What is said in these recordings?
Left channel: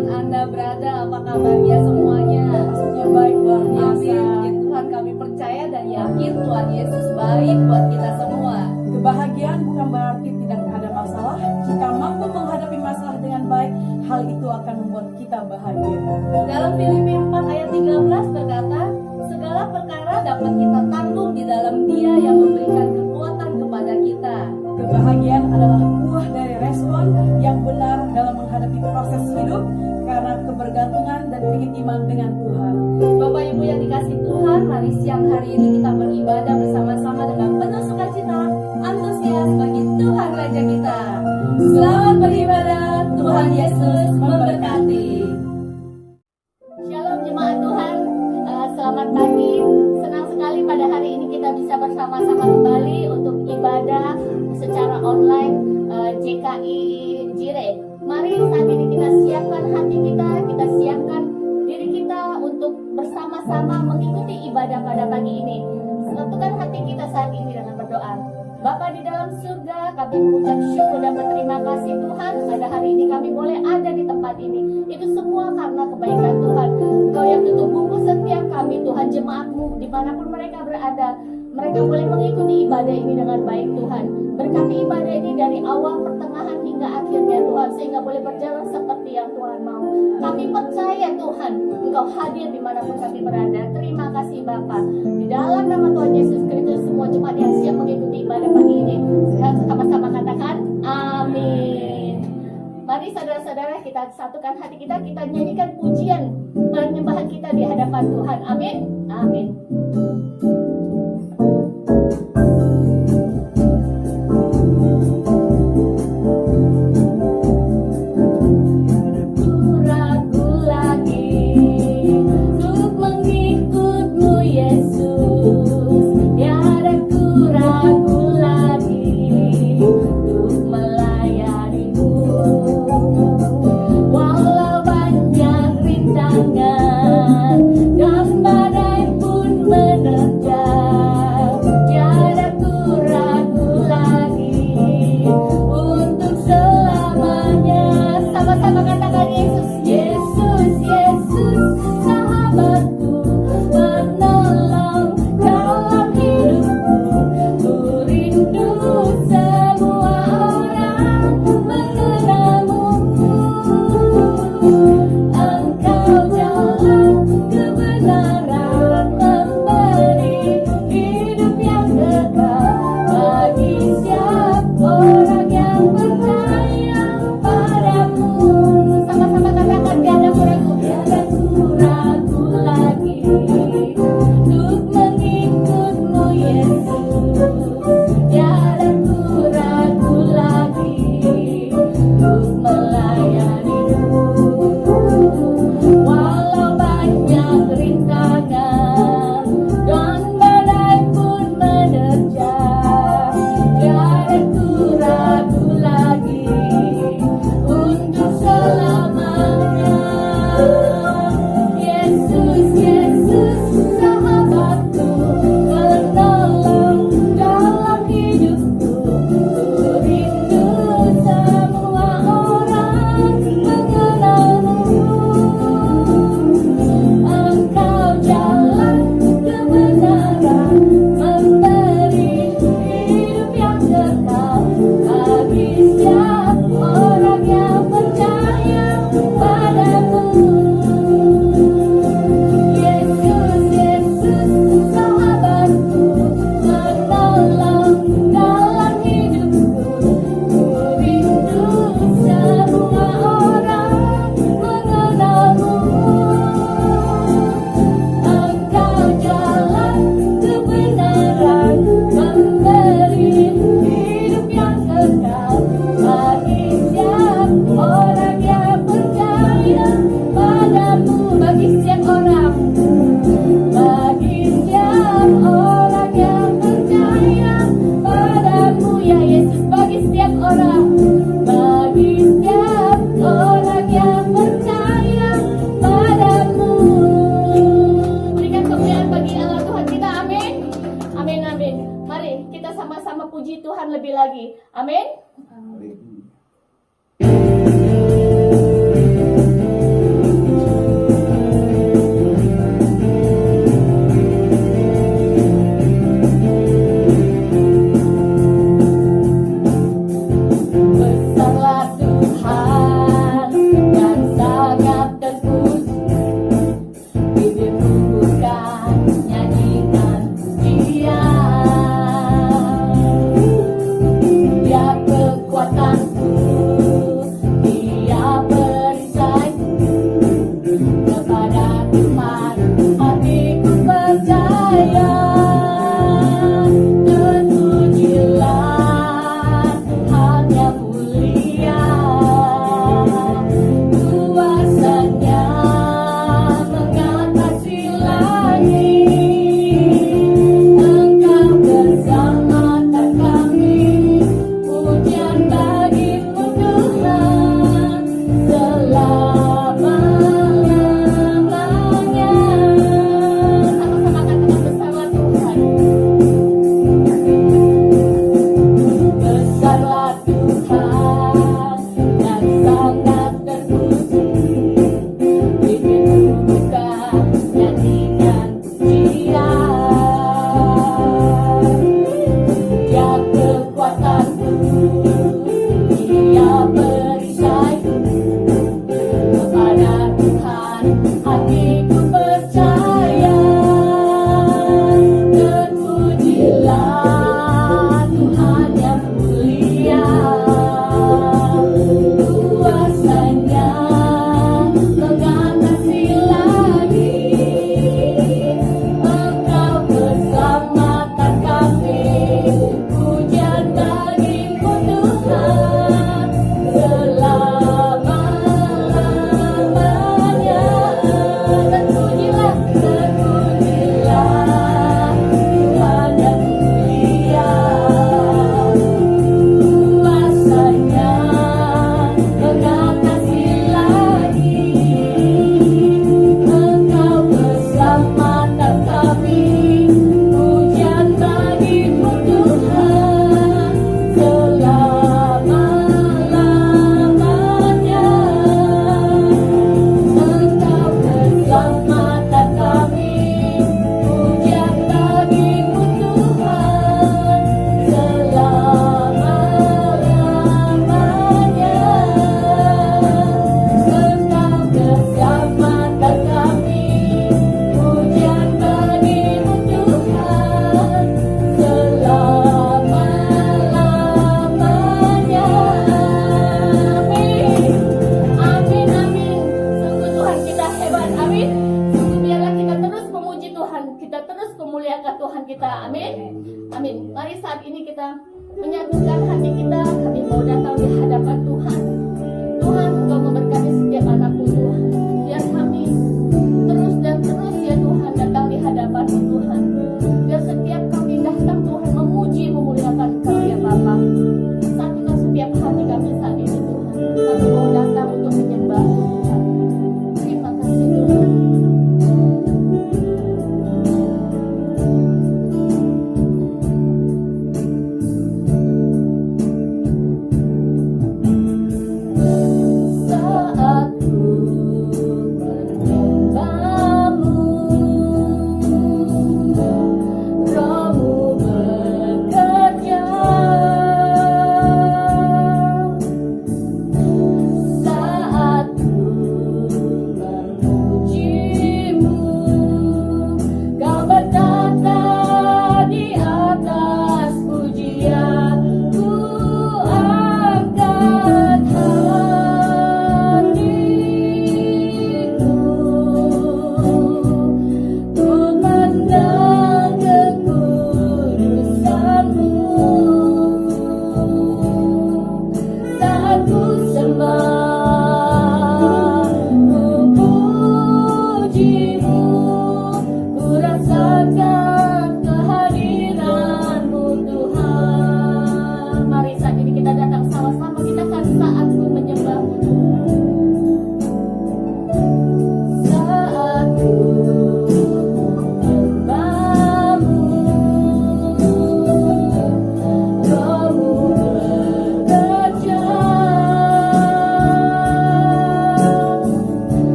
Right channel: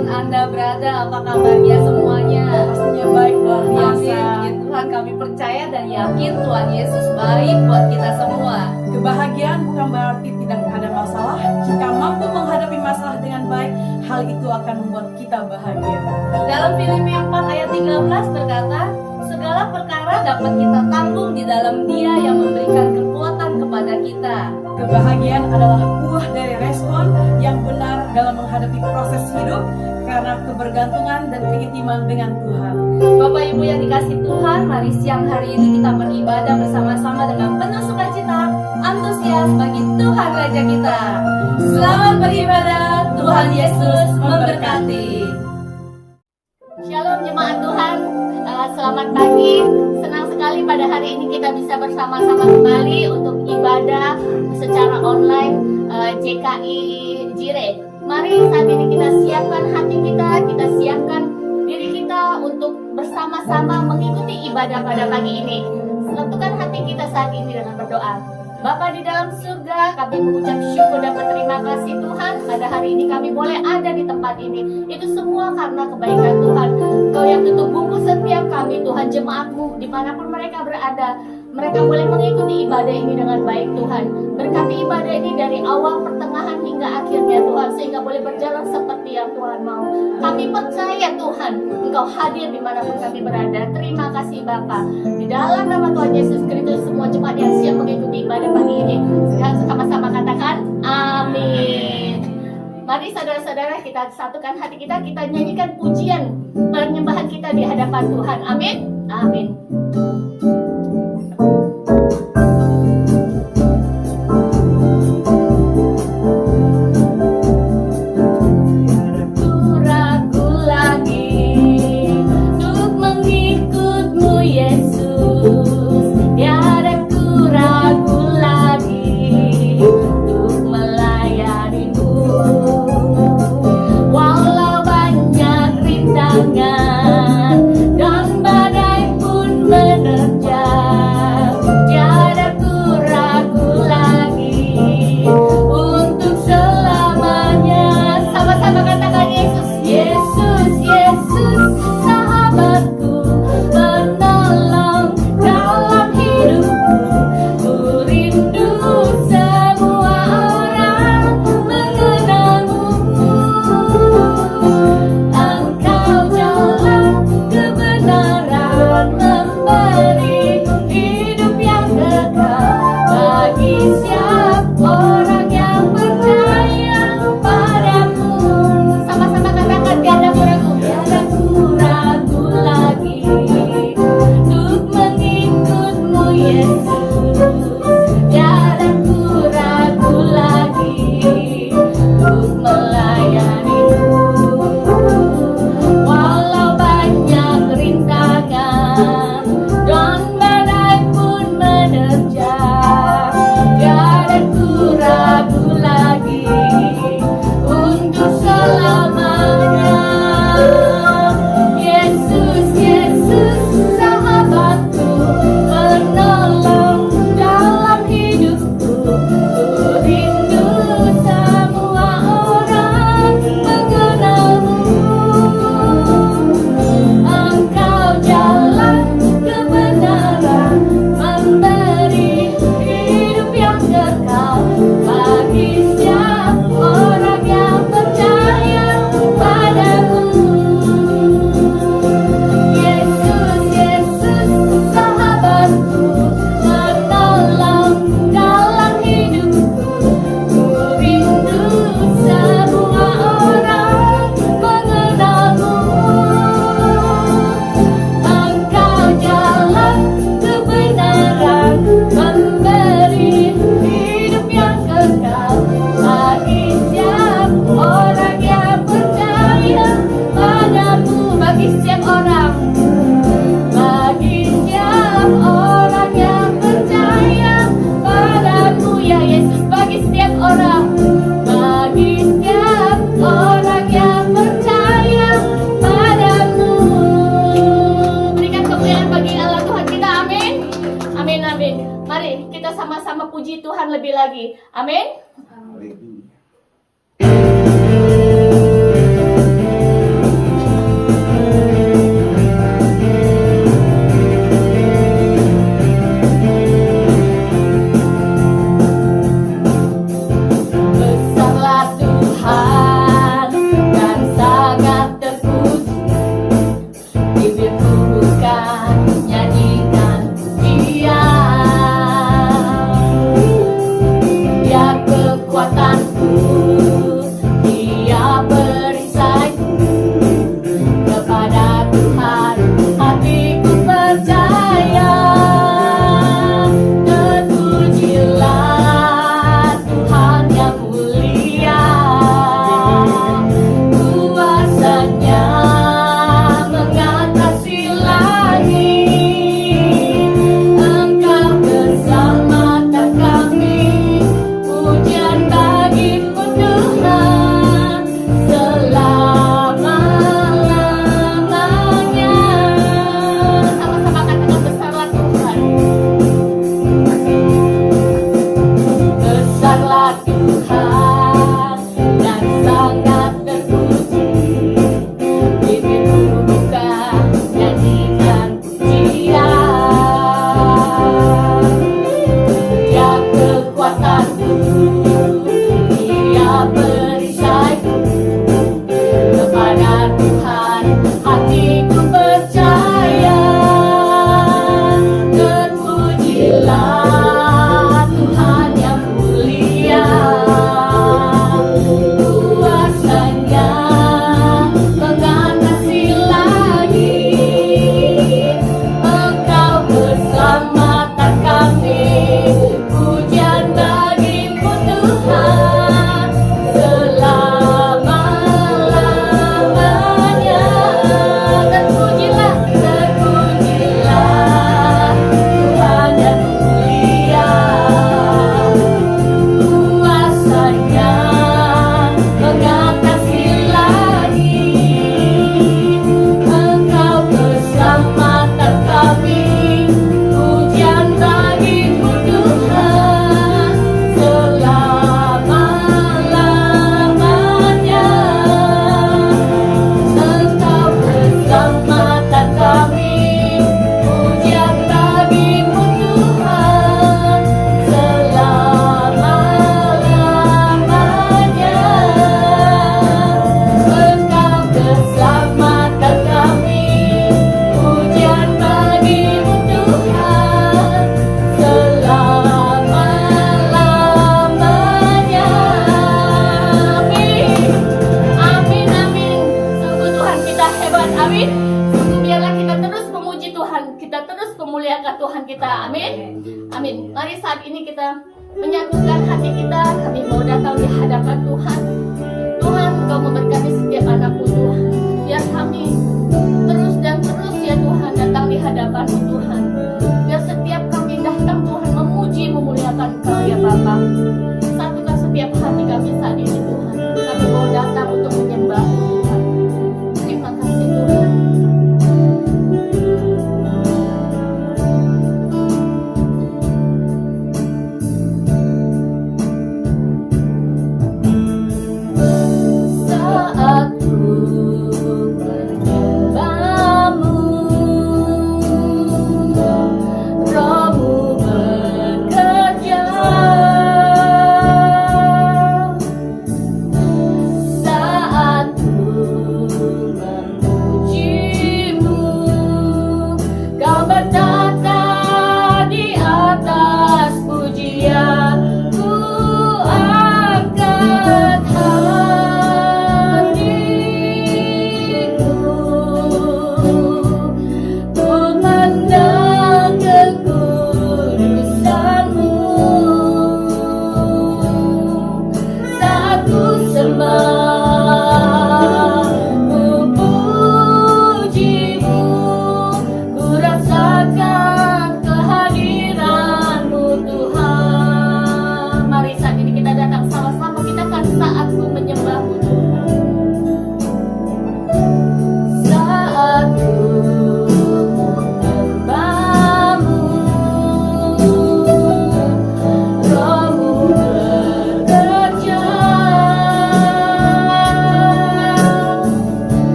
dimanapun Anda berada, apa kabarnya semuanya? Pastinya baik, luar biasa. Ya Tuhan, kami percaya dan yakin Tuhan Yesus baik buat kita semua. Kebahagiaan bukan berarti tidak ada masalah. Jika mampu menghadapi masalah dengan baik, hal itu akan membuat kita bahagia. Dalam Filipi 4 ayat 13 berkata, segala perkara dapat kita tanggung di dalam Dia yang memberikan kekuatan kepada kita. Kebahagiaan adalah buah dari respon yang benar dalam menghadapi proses hidup karena kebergantungan dan keintiman dengan Tuhan. Bapak Ibu yang dikasih Tuhan, mari siang hari ini kita beribadah bersama-sama dengan penuh sukacita, antusias bagi Tuhan Raja kita. Selamat beribadah, Tuhan Yesus memberkati. Shalom jemaat Tuhan, selamat pagi. Senang sekali pada hari ini kita bisa bersama-sama kembali untuk ibadah secara online JKI Jire. Mari saat ini kita siapkan hati kita siapkan diri kita untuk bersama-sama mengikuti ibadah pada pagi ini. Tentukan hati kita saat ini dengan berdoa. Bapa di dalam surga, kami mengucap syukur dan berterima kasih Tuhan. Pada hari ini kami boleh ada di tempat ini. Itu semua karena kebaikan Tuhan. Kau yang tutup bungkus setiap kami, Tuhan, jemaat-Mu, dimanapun mereka berada. Mereka boleh mengikuti ibadah ini dengan baik Tuhan. Berkati ibadah ini dari awal, pertengahan hingga akhirnya Tuhan, sehingga boleh berjalan seperti yang Tuhan mau. Kami percaya Tuhan, Engkau hadir dimanapun kami berada. Terima kasih Bapa. Di dalam nama Tuhan Yesus Kristus, semua jemaat yang siap mengikuti ibadah pagi ini, sekarang sama-sama katakan amin. Mari saudara-saudara, kita satukan hati kita nyanyikan pujian penyembahan kita di hadapan Tuhan. Amin. Amin. Dan badai pun menerjang, tiada lebih lagi. Amin. memuliakan Tuhan kita. Amin. Amin. Mari saat ini kita menyatukan hati kita. Kami mau datang di hadapan Tuhan. Tuhan, Engkau memberkati setiap anakmu Tuhan. Biar kami terus dan terus ya Tuhan datang di hadapan-Mu Tuhan. Biar setiap kami datang Tuhan memuji, memuliakan Engkau ya Bapa. Satukan setiap hati kami saat ini Tuhan. Kami mau datang untuk menyembah-Mu Tuhan. Terima kasih Tuhan. Saat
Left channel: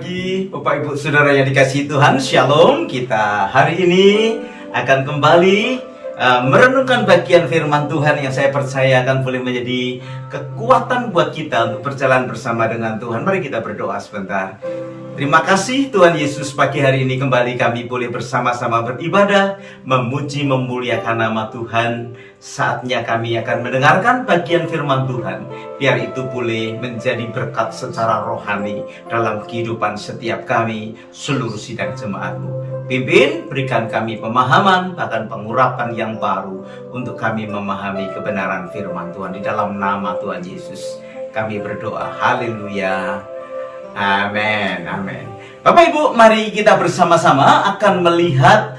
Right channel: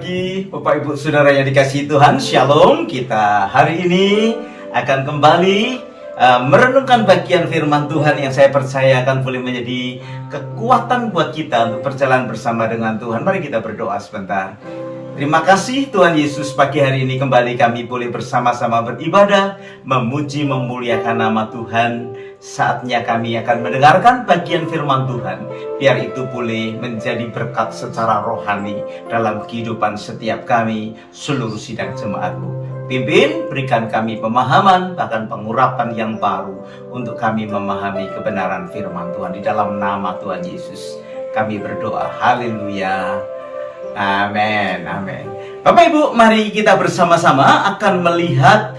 pagi Bapak Ibu Saudara yang dikasihi Tuhan. Shalom. Kita hari ini akan kembali merenungkan bagian firman Tuhan yang saya percaya akan boleh menjadi kekuatan buat kita untuk berjalan bersama dengan Tuhan. Mari kita berdoa sebentar. Terima kasih Tuhan Yesus, pagi hari ini kembali kami boleh bersama-sama beribadah, memuji, memuliakan nama Tuhan. Saatnya kami akan mendengarkan bagian firman Tuhan. Biar itu boleh menjadi berkat secara rohani dalam kehidupan setiap kami, seluruh sidang jemaat-Mu. Pimpin, berikan kami pemahaman, bahkan pengurapan yang baru untuk kami memahami kebenaran firman Tuhan. Di dalam nama Tuhan Yesus kami berdoa. Haleluya. Amin, amin. Bapak Ibu, mari kita bersama-sama akan melihat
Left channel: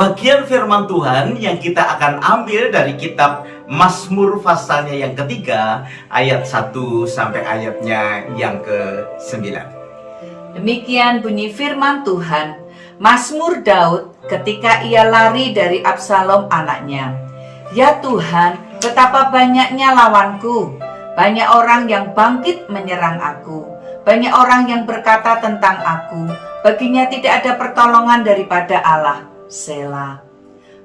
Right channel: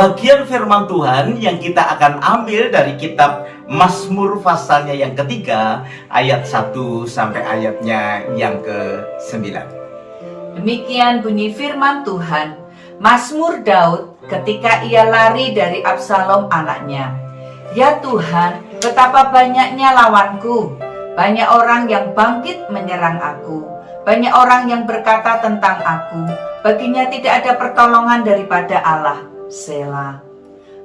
bagian firman Tuhan yang kita akan ambil dari kitab Mazmur pasalnya yang ketiga, ayat 1 sampai ayatnya yang ke-9. Demikian bunyi firman Tuhan, Mazmur Daud ketika ia lari dari Absalom anaknya. Ya Tuhan, betapa banyaknya lawanku, banyak orang yang bangkit menyerang aku. Banyak orang yang berkata tentang aku, baginya tidak ada pertolongan daripada Allah. Selah.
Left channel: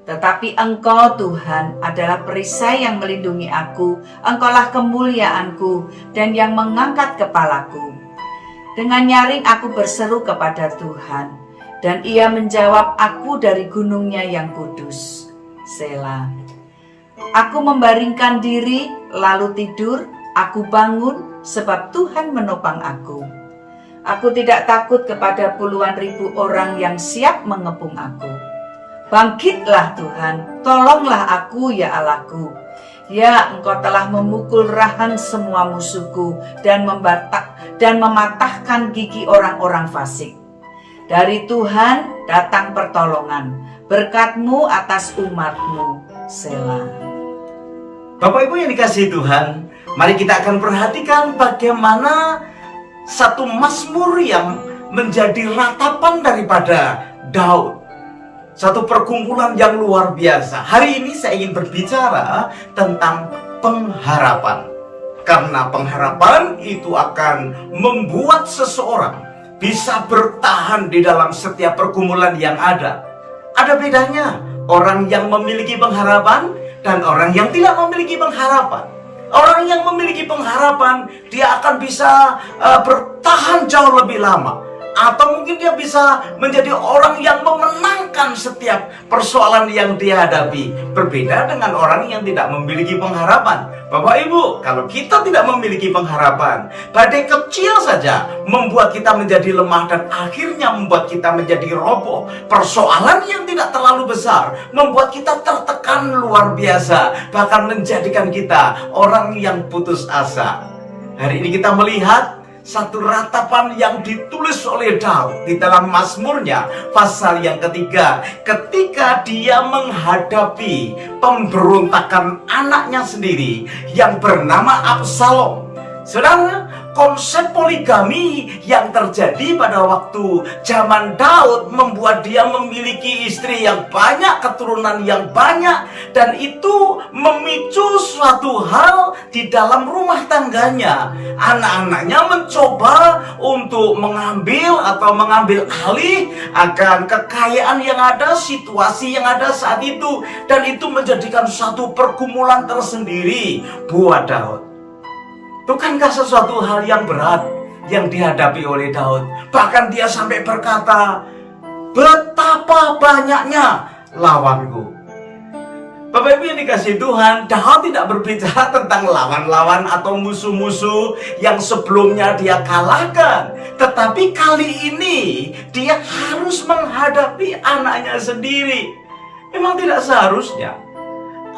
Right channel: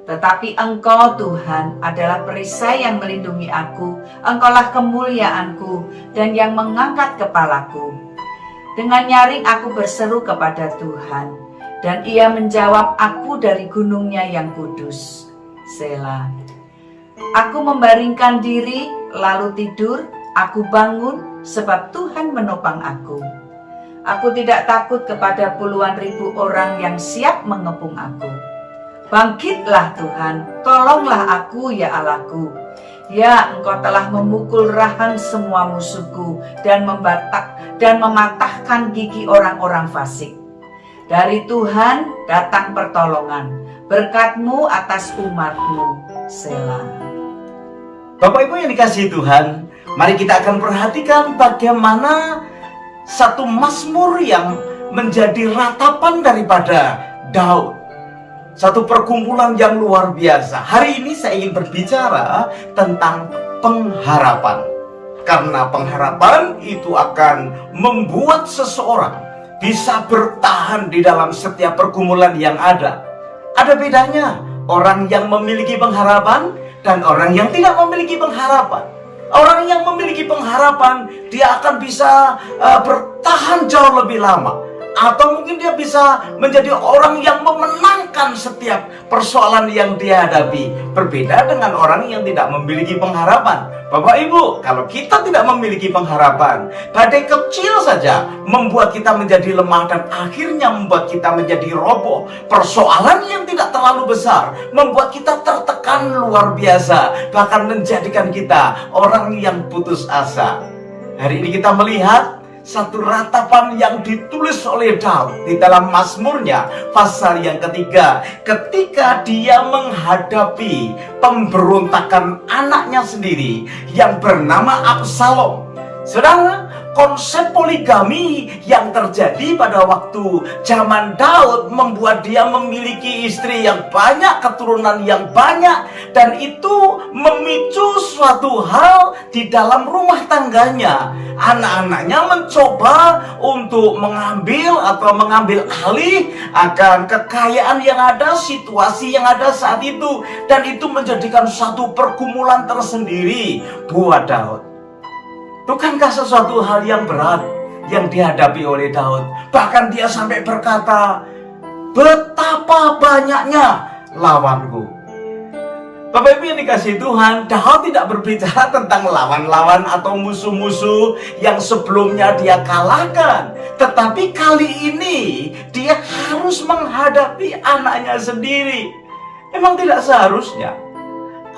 Tetapi Engkau Tuhan adalah perisai yang melindungi aku, Engkaulah kemuliaanku dan yang mengangkat kepalaku. Dengan nyaring aku berseru kepada Tuhan, dan Ia menjawab aku dari gunungnya yang kudus. Selah. Aku membaringkan diri lalu tidur, aku bangun sebab Tuhan menopang aku. Aku tidak takut kepada puluhan ribu orang yang siap mengepung aku. Bangkitlah Tuhan, tolonglah aku ya Allahku. Ya, Engkau telah memukul rahang semua musuhku dan mematahkan gigi orang-orang fasik. Dari Tuhan datang pertolongan, berkat-Mu atas umat-Mu. Selah. Bapak Ibu yang dikasihi Tuhan, mari kita akan perhatikan bagaimana satu mazmur yang menjadi ratapan daripada Daud. Satu perkumpulan yang luar biasa. Hari ini saya ingin berbicara tentang pengharapan. Karena pengharapan itu akan membuat seseorang bisa bertahan di dalam setiap pergumulan yang ada. Ada bedanya orang yang memiliki pengharapan dan orang yang tidak memiliki pengharapan. Orang yang memiliki pengharapan, dia akan bisa bertahan jauh lebih lama. Atau mungkin dia bisa menjadi orang yang memenangkan setiap persoalan yang dia hadapi. Berbeda dengan orang yang tidak memiliki pengharapan. Bapak Ibu, kalau kita tidak memiliki pengharapan, badai kecil saja membuat kita menjadi lemah dan akhirnya membuat kita menjadi roboh. Persoalan yang tidak terlalu besar membuat kita tertekan luar biasa, bahkan menjadikan kita orang yang putus asa. Hari ini kita melihat satu ratapan yang ditulis oleh Daud di dalam Mazmurnya pasal yang ketiga, ketika dia menghadapi pemberontakan anaknya sendiri yang bernama Absalom. Saudara, konsep poligami yang terjadi pada waktu zaman Daud membuat dia memiliki istri yang banyak, keturunan yang banyak, dan itu memicu suatu hal di dalam rumah tangganya. Anak-anaknya mencoba untuk mengambil alih akan kekayaan yang ada, situasi yang ada saat itu, dan itu menjadikan suatu pergumulan tersendiri buat Daud. Bukankah sesuatu hal yang berat yang dihadapi oleh Daud? Bahkan dia sampai berkata, betapa banyaknya lawanku. Bapak Ibu yang dikasihi Tuhan, Daud tidak berbicara tentang lawan-lawan atau musuh-musuh yang sebelumnya dia kalahkan. Tetapi kali ini dia harus menghadapi anaknya sendiri. Memang tidak seharusnya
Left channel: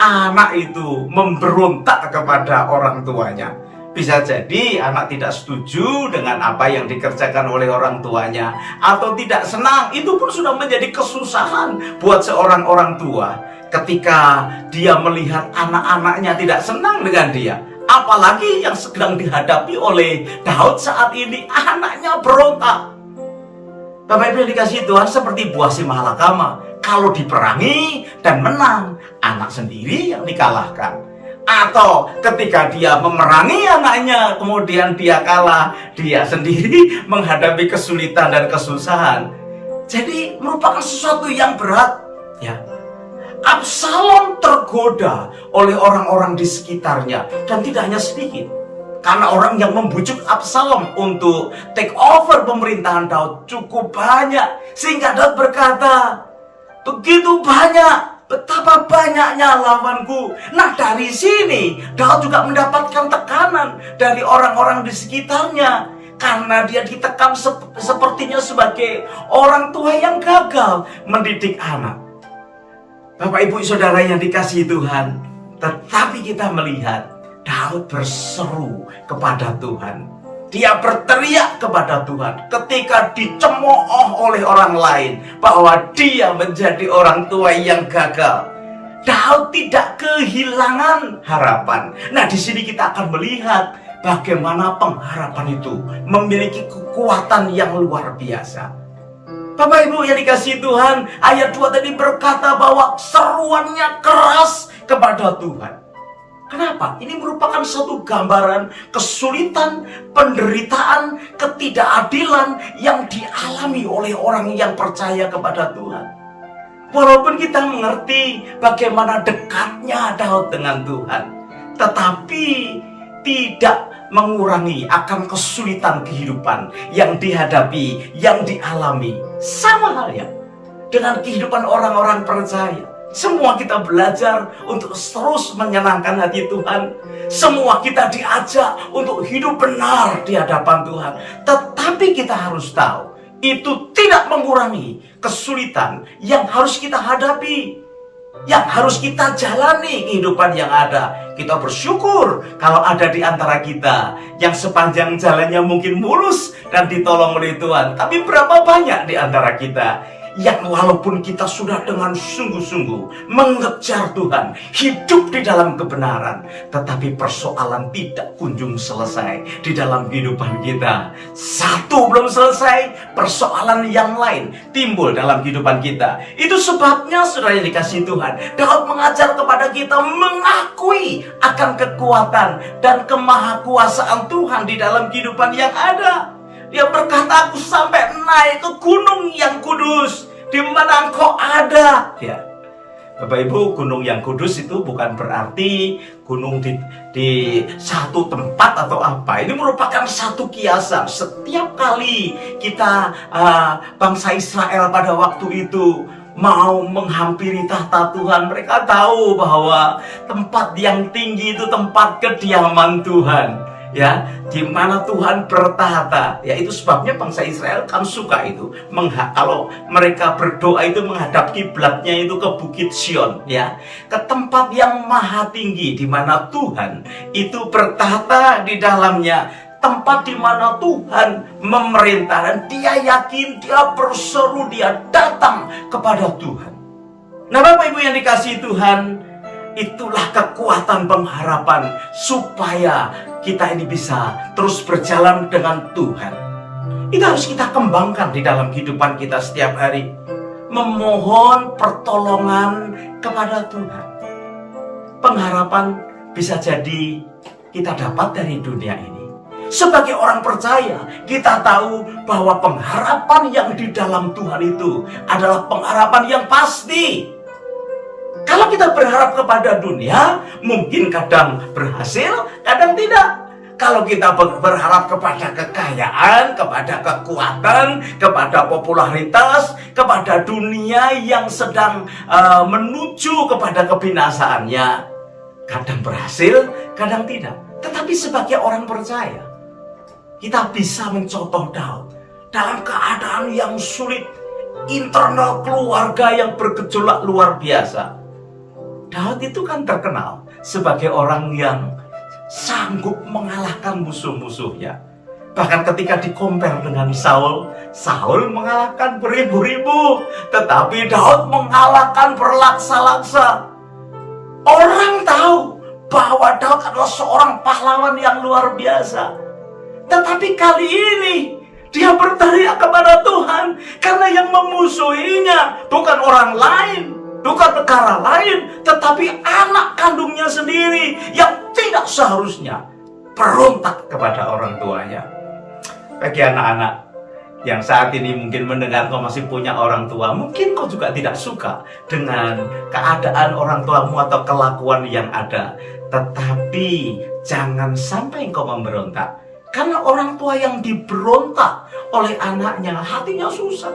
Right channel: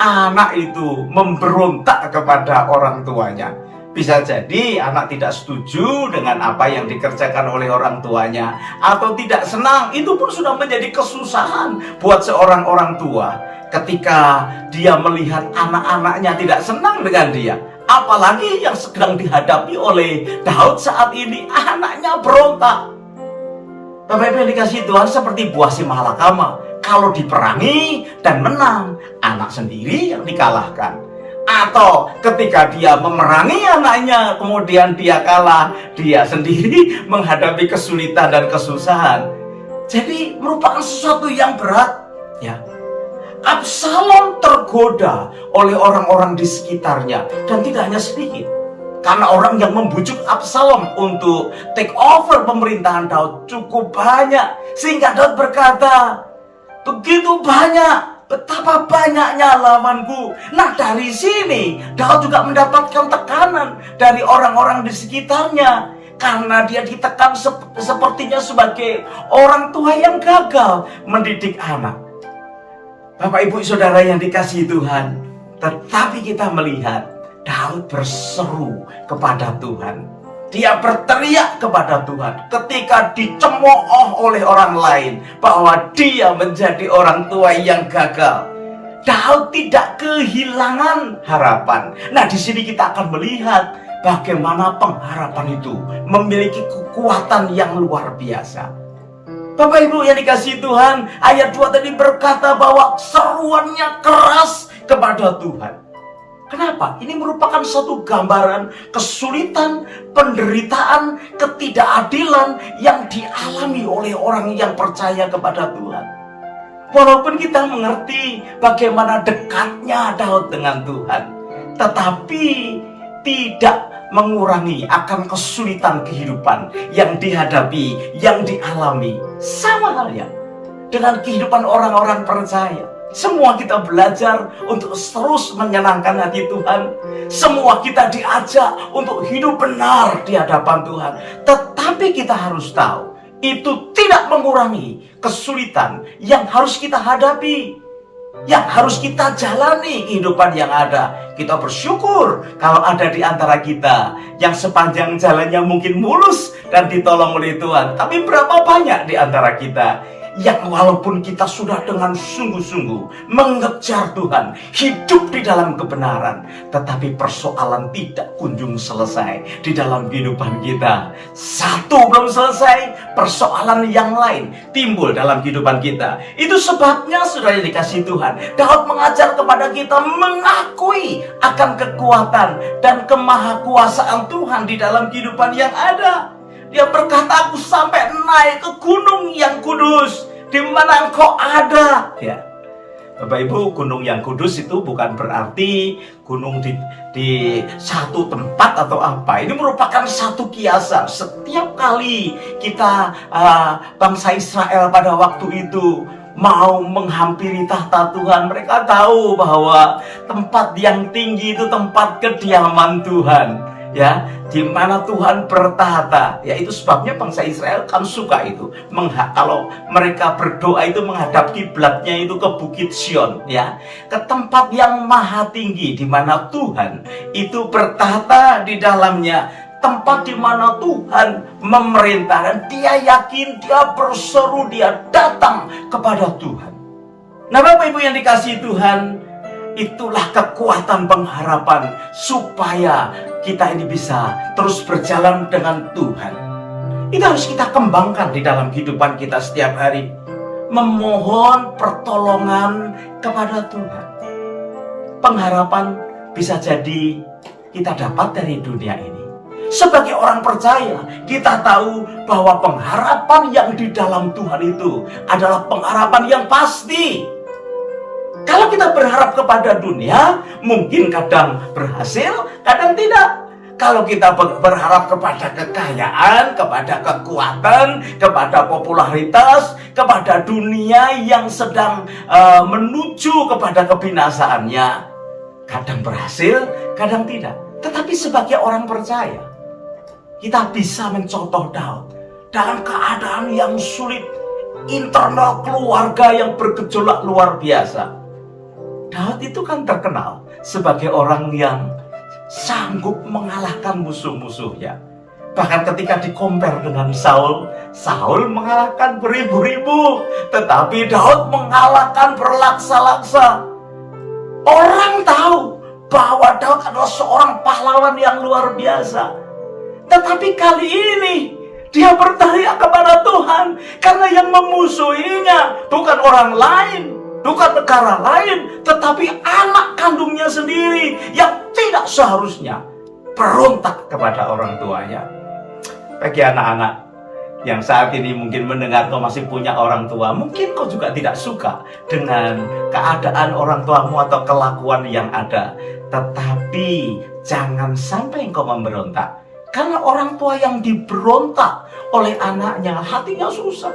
anak itu memberontak kepada orang tuanya. Bisa jadi anak tidak setuju dengan apa yang dikerjakan oleh orang tuanya, atau tidak senang. Itu pun sudah menjadi kesusahan buat seorang orang tua ketika dia melihat anak-anaknya tidak senang dengan dia. Apalagi yang sedang dihadapi oleh Daud saat ini, anaknya berontak. Bapak Ibu yang dikasihi Tuhan, seperti buah si malakama. Kalau diperangi dan menang, anak sendiri yang dikalahkan. Atau ketika dia memerangi anaknya, kemudian dia kalah, dia sendiri menghadapi kesulitan dan kesusahan. Jadi merupakan sesuatu yang berat, ya. Absalom tergoda oleh orang-orang di sekitarnya, dan tidak hanya sedikit. Karena orang yang membujuk Absalom untuk take over pemerintahan Daud cukup banyak, sehingga Daud berkata, begitu banyak, betapa banyaknya lawanku. Nah, dari sini Daud juga mendapatkan tekanan dari orang-orang di sekitarnya, karena dia ditekan sepertinya sebagai orang tua yang gagal mendidik anak. Bapak, Ibu, Saudara yang dikasihi Tuhan, tetapi kita melihat Daud berseru kepada Tuhan. Dia berteriak kepada Tuhan ketika dicemooh oleh orang lain bahwa dia menjadi orang tua yang gagal. Daud tidak kehilangan harapan. Nah, di sini kita akan melihat bagaimana pengharapan itu memiliki kekuatan yang luar biasa. Bapak Ibu yang dikasihi Tuhan, ayat 2 tadi berkata bahwa seruannya keras kepada Tuhan. Kenapa? Ini merupakan satu gambaran kesulitan, penderitaan, ketidakadilan yang dialami oleh orang yang percaya kepada Tuhan. Walaupun kita mengerti bagaimana dekatnya Daud dengan Tuhan, tetapi tidak mengurangi akan kesulitan kehidupan yang dihadapi, yang dialami. Sama halnya dengan kehidupan orang-orang percaya. Semua kita belajar untuk terus menyenangkan hati Tuhan. Semua kita diajak untuk hidup benar di hadapan Tuhan. Tetapi kita harus tahu, itu tidak mengurangi kesulitan yang harus kita hadapi, yang harus kita jalani kehidupan yang ada. Kita bersyukur kalau ada di antara kita yang sepanjang jalannya mungkin mulus dan ditolong oleh Tuhan. Tapi berapa banyak di antara kita yang walaupun kita sudah dengan sungguh-sungguh mengejar Tuhan, hidup di dalam kebenaran, tetapi persoalan tidak kunjung selesai di dalam kehidupan kita. Satu belum selesai, persoalan yang lain timbul dalam kehidupan kita. Itu sebabnya, saudara yang dikasihi Tuhan, Daud mengajar kepada kita mengakui akan kekuatan dan kemahakuasaan Tuhan di dalam kehidupan yang ada. Dia berkata, aku sampai naik ke gunung yang kudus, di mana engkau ada. Ya, Bapak Ibu, gunung yang kudus itu bukan berarti gunung di satu tempat atau apa. Ini merupakan satu kiasan. Setiap kali kita bangsa Israel pada waktu itu mau menghampiri tahta Tuhan, mereka tahu bahwa tempat yang tinggi itu tempat kediaman Tuhan, ya, di mana Tuhan bertahta. Ya, itu sebabnya bangsa Israel kan suka itu. Kalau mereka berdoa itu menghadap kiblatnya itu ke Bukit Sion, ya, ke tempat yang maha tinggi di mana Tuhan itu bertahta di dalamnya, tempat di mana Tuhan memerintah, dan dia yakin, dia berseru, dia datang kepada Tuhan. Nah, Bapak Ibu yang dikasihi Tuhan, itulah kekuatan pengharapan supaya kita ini bisa terus berjalan dengan Tuhan. Itu harus kita kembangkan di dalam kehidupan kita setiap hari. Memohon pertolongan kepada Tuhan. Pengharapan bisa jadi kita dapat dari dunia ini. Sebagai orang percaya, kita tahu bahwa pengharapan yang di dalam Tuhan itu adalah pengharapan yang pasti. Kalau kita berharap kepada dunia, mungkin kadang berhasil, kadang tidak. Kalau kita berharap kepada kekayaan, kepada kekuatan, kepada popularitas, kepada dunia yang sedang menuju kepada kebinasaannya, kadang berhasil, kadang tidak. Tetapi sebagai orang percaya, kita bisa mencontoh Daud dalam keadaan yang sulit, internal keluarga yang bergejolak luar biasa. Daud itu kan terkenal sebagai orang yang sanggup mengalahkan musuh-musuhnya. Bahkan ketika dikompar dengan Saul, Saul mengalahkan beribu-ribu, tetapi Daud mengalahkan berlaksa-laksa. Orang tahu bahwa Daud adalah seorang pahlawan yang luar biasa. Tetapi kali ini dia berteriak kepada Tuhan, karena yang memusuhinya bukan orang lain, bukan negara lain, tetapi anak kandungnya sendiri yang tidak seharusnya berontak kepada orang tuanya. Bagi anak-anak yang saat ini mungkin mendengar kau masih punya orang tua, mungkin kau juga tidak suka dengan keadaan orang tuamu atau kelakuan yang ada. Tetapi jangan sampai engkau memberontak. Karena orang tua yang diberontak oleh anaknya, hatinya susah.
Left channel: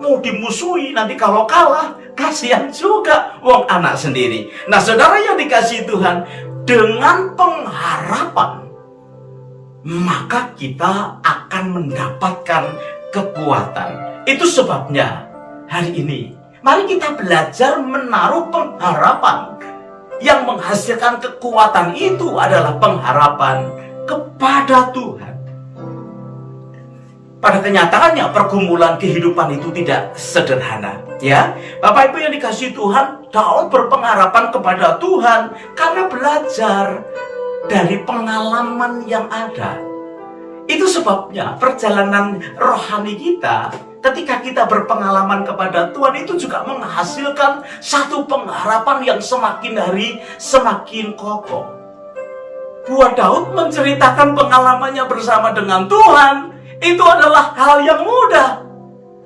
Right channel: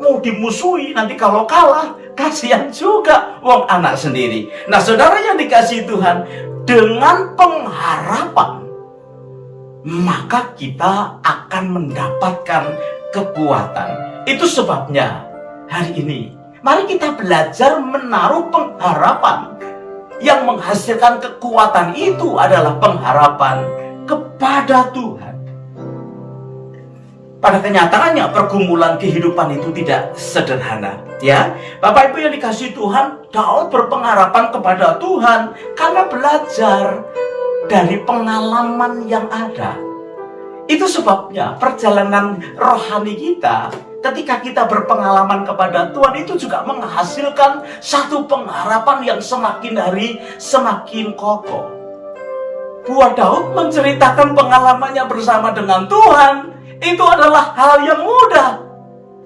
Mau dimusuhi, nanti kalau kalah, kasihan juga wong anak sendiri. Nah, saudara yang dikasihi Tuhan, dengan pengharapan, maka kita akan mendapatkan kekuatan. Itu sebabnya hari ini mari kita belajar menaruh pengharapan. Yang menghasilkan kekuatan itu adalah pengharapan kepada Tuhan. Pada kenyataannya pergumulan kehidupan itu tidak sederhana, ya. Bapak Ibu yang dikasihi Tuhan, Daud berpengharapan kepada Tuhan karena belajar dari pengalaman yang ada. Itu sebabnya perjalanan rohani kita, ketika kita berpengalaman kepada Tuhan, itu juga menghasilkan satu pengharapan yang semakin hari semakin kokoh. Buat Daud menceritakan pengalamannya bersama dengan Tuhan, itu adalah hal yang mudah.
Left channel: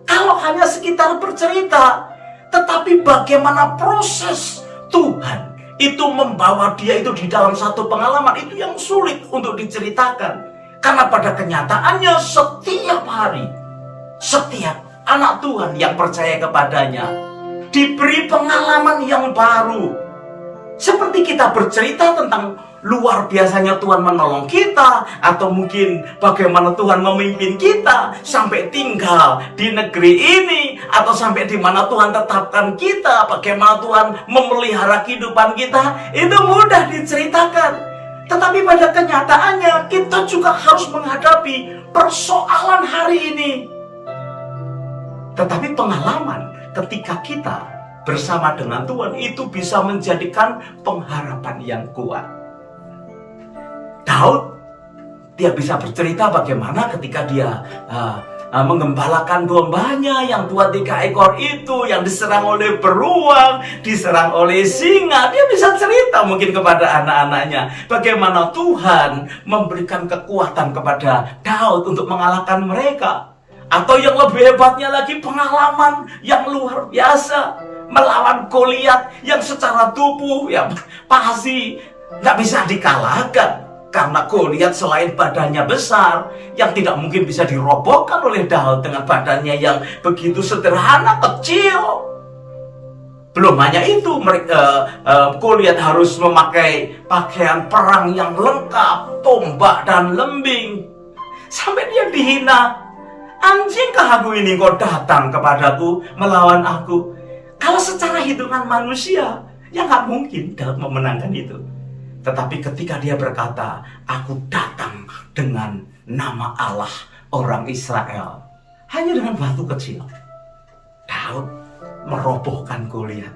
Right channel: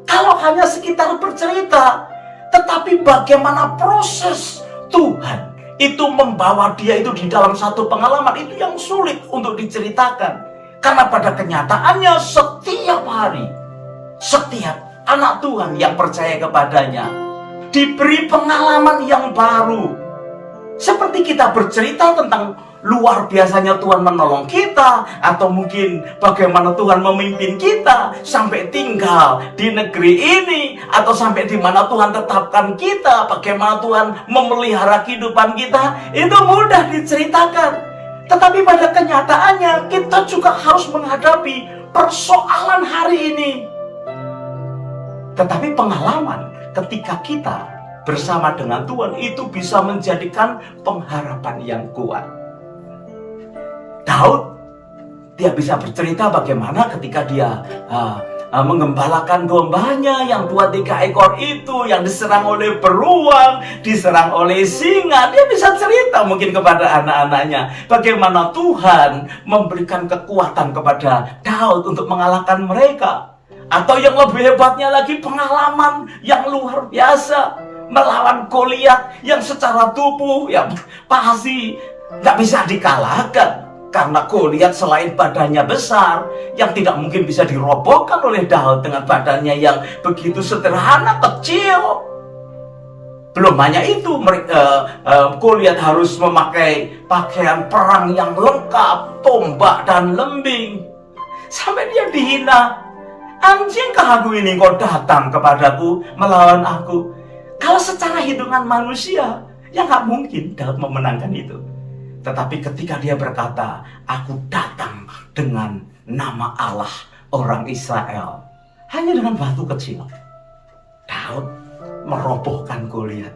Kalau hanya sekitar bercerita, tetapi bagaimana proses Tuhan itu membawa dia itu di dalam satu pengalaman, itu yang sulit untuk diceritakan. Karena pada kenyataannya setiap hari, setiap anak Tuhan yang percaya kepadanya diberi pengalaman yang baru. Seperti kita bercerita tentang luar biasanya Tuhan menolong kita, atau mungkin bagaimana Tuhan memimpin kita sampai tinggal di negeri ini, atau sampai di mana Tuhan tetapkan kita, bagaimana Tuhan memelihara kehidupan kita, itu mudah diceritakan. Tetapi pada kenyataannya kita juga harus menghadapi persoalan hari ini. Tetapi pengalaman ketika kita bersama dengan Tuhan itu bisa menjadikan pengharapan yang kuat. Daud, dia bisa bercerita bagaimana ketika dia mengembalakan dombanya yang 2-3 ekor itu, yang diserang oleh beruang, diserang oleh singa. Dia bisa cerita mungkin kepada anak-anaknya bagaimana Tuhan memberikan kekuatan kepada Daud untuk mengalahkan mereka. Atau yang lebih hebatnya lagi, pengalaman yang luar biasa melawan Goliat yang secara tubuh ya pasti nggak bisa dikalahkan. Karena Goliat selain badannya besar, yang tidak mungkin bisa dirobohkan oleh Daud dengan badannya yang begitu sederhana, kecil. Belum hanya itu, Goliat harus memakai pakaian perang yang lengkap, tombak dan lembing. Sampai dia dihina. Anjingkah aku ini kau datang kepadaku melawan aku? Kalau secara hitungan manusia, ya nggak mungkin Daud memenangkan itu. Tetapi ketika dia berkata, aku datang dengan nama Allah orang Israel, hanya dengan batu kecil, Daud merobohkan Goliat.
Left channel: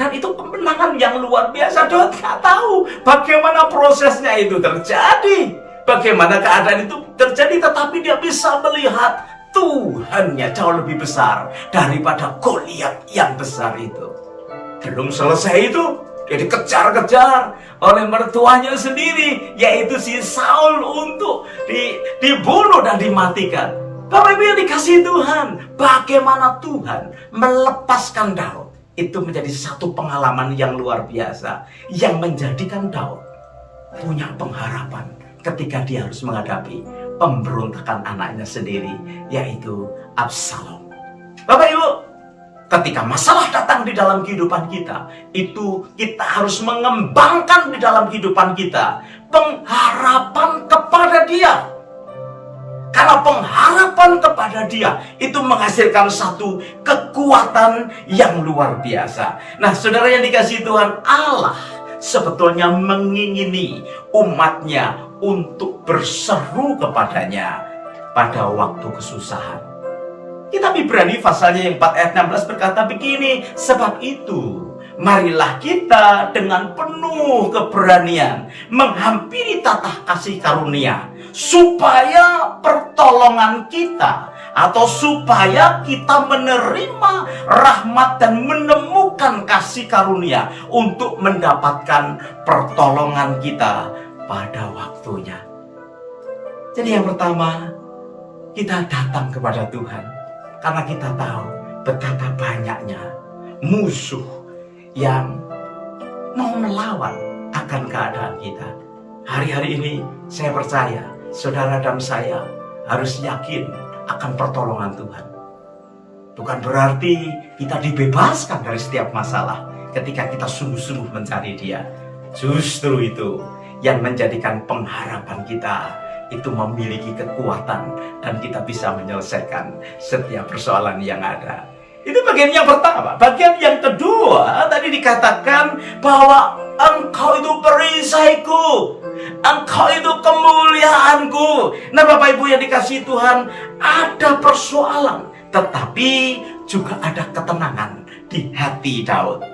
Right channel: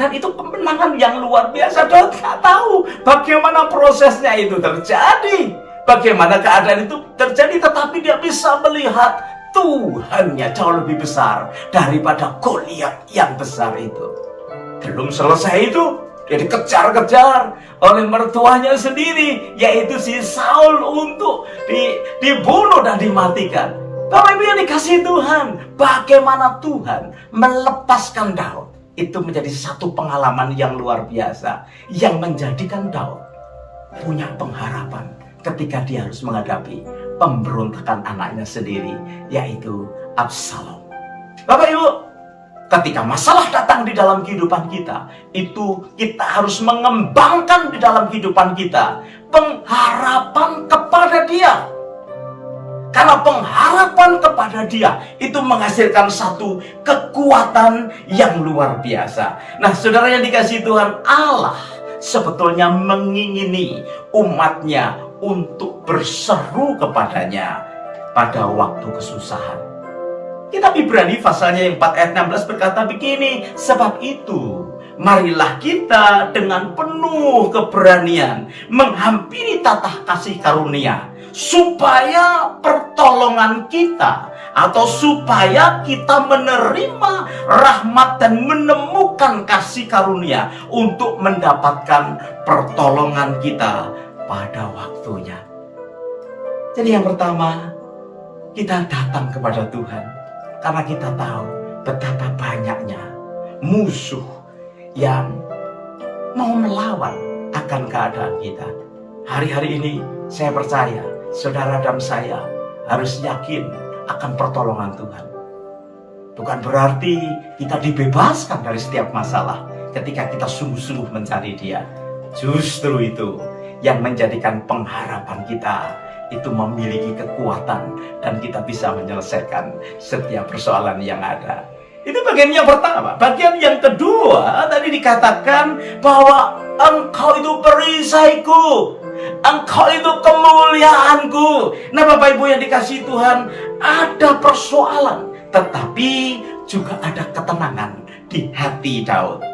Dan itu kemenangan yang luar biasa. Daud nggak tahu bagaimana prosesnya itu terjadi, bagaimana keadaan itu terjadi, tetapi dia bisa melihat Tuhannya jauh lebih besar daripada Goliat yang besar itu. Belum selesai itu, dia dikejar-kejar oleh mertuanya sendiri, yaitu si Saul, untuk dibunuh dan dimatikan. Bapak Ibu yang dikasihi Tuhan, bagaimana Tuhan melepaskan Daud, itu menjadi satu pengalaman yang luar biasa, yang menjadikan Daud punya pengharapan ketika dia harus menghadapi pemberontakan anaknya sendiri, yaitu Absalom. Bapak Ibu, ketika masalah datang di dalam kehidupan kita, itu kita harus mengembangkan di dalam kehidupan kita pengharapan kepada Dia. Karena pengharapan kepada Dia itu menghasilkan satu kekuatan yang luar biasa. Nah, saudara yang dikasihi Tuhan, Allah sebetulnya mengingini umatnya untuk berseru kepadanya pada waktu kesusahan. Kitab Ibrani pasalnya yang 4 ayat 16 berkata begini, sebab itu marilah kita dengan penuh keberanian menghampiri tatah kasih karunia, supaya pertolongan kita atau supaya kita menerima rahmat dan menemukan kasih karunia untuk mendapatkan pertolongan kita pada waktunya. Jadi yang pertama, kita datang kepada Tuhan karena kita tahu betapa banyaknya musuh yang mau melawan akan keadaan kita. Hari-hari ini saya percaya saudara dan saya harus yakin akan pertolongan Tuhan. Bukan berarti kita dibebaskan dari setiap masalah ketika kita sungguh-sungguh mencari Dia. Justru itu yang menjadikan pengharapan kita itu memiliki kekuatan dan kita bisa menyelesaikan setiap persoalan yang ada. Itu bagian yang pertama. Bagian yang kedua, tadi dikatakan bahwa Engkau itu perisaiku, Engkau itu kemuliaanku. Nah Bapak Ibu yang dikasihi Tuhan, ada persoalan, tetapi juga ada ketenangan di hati Daud.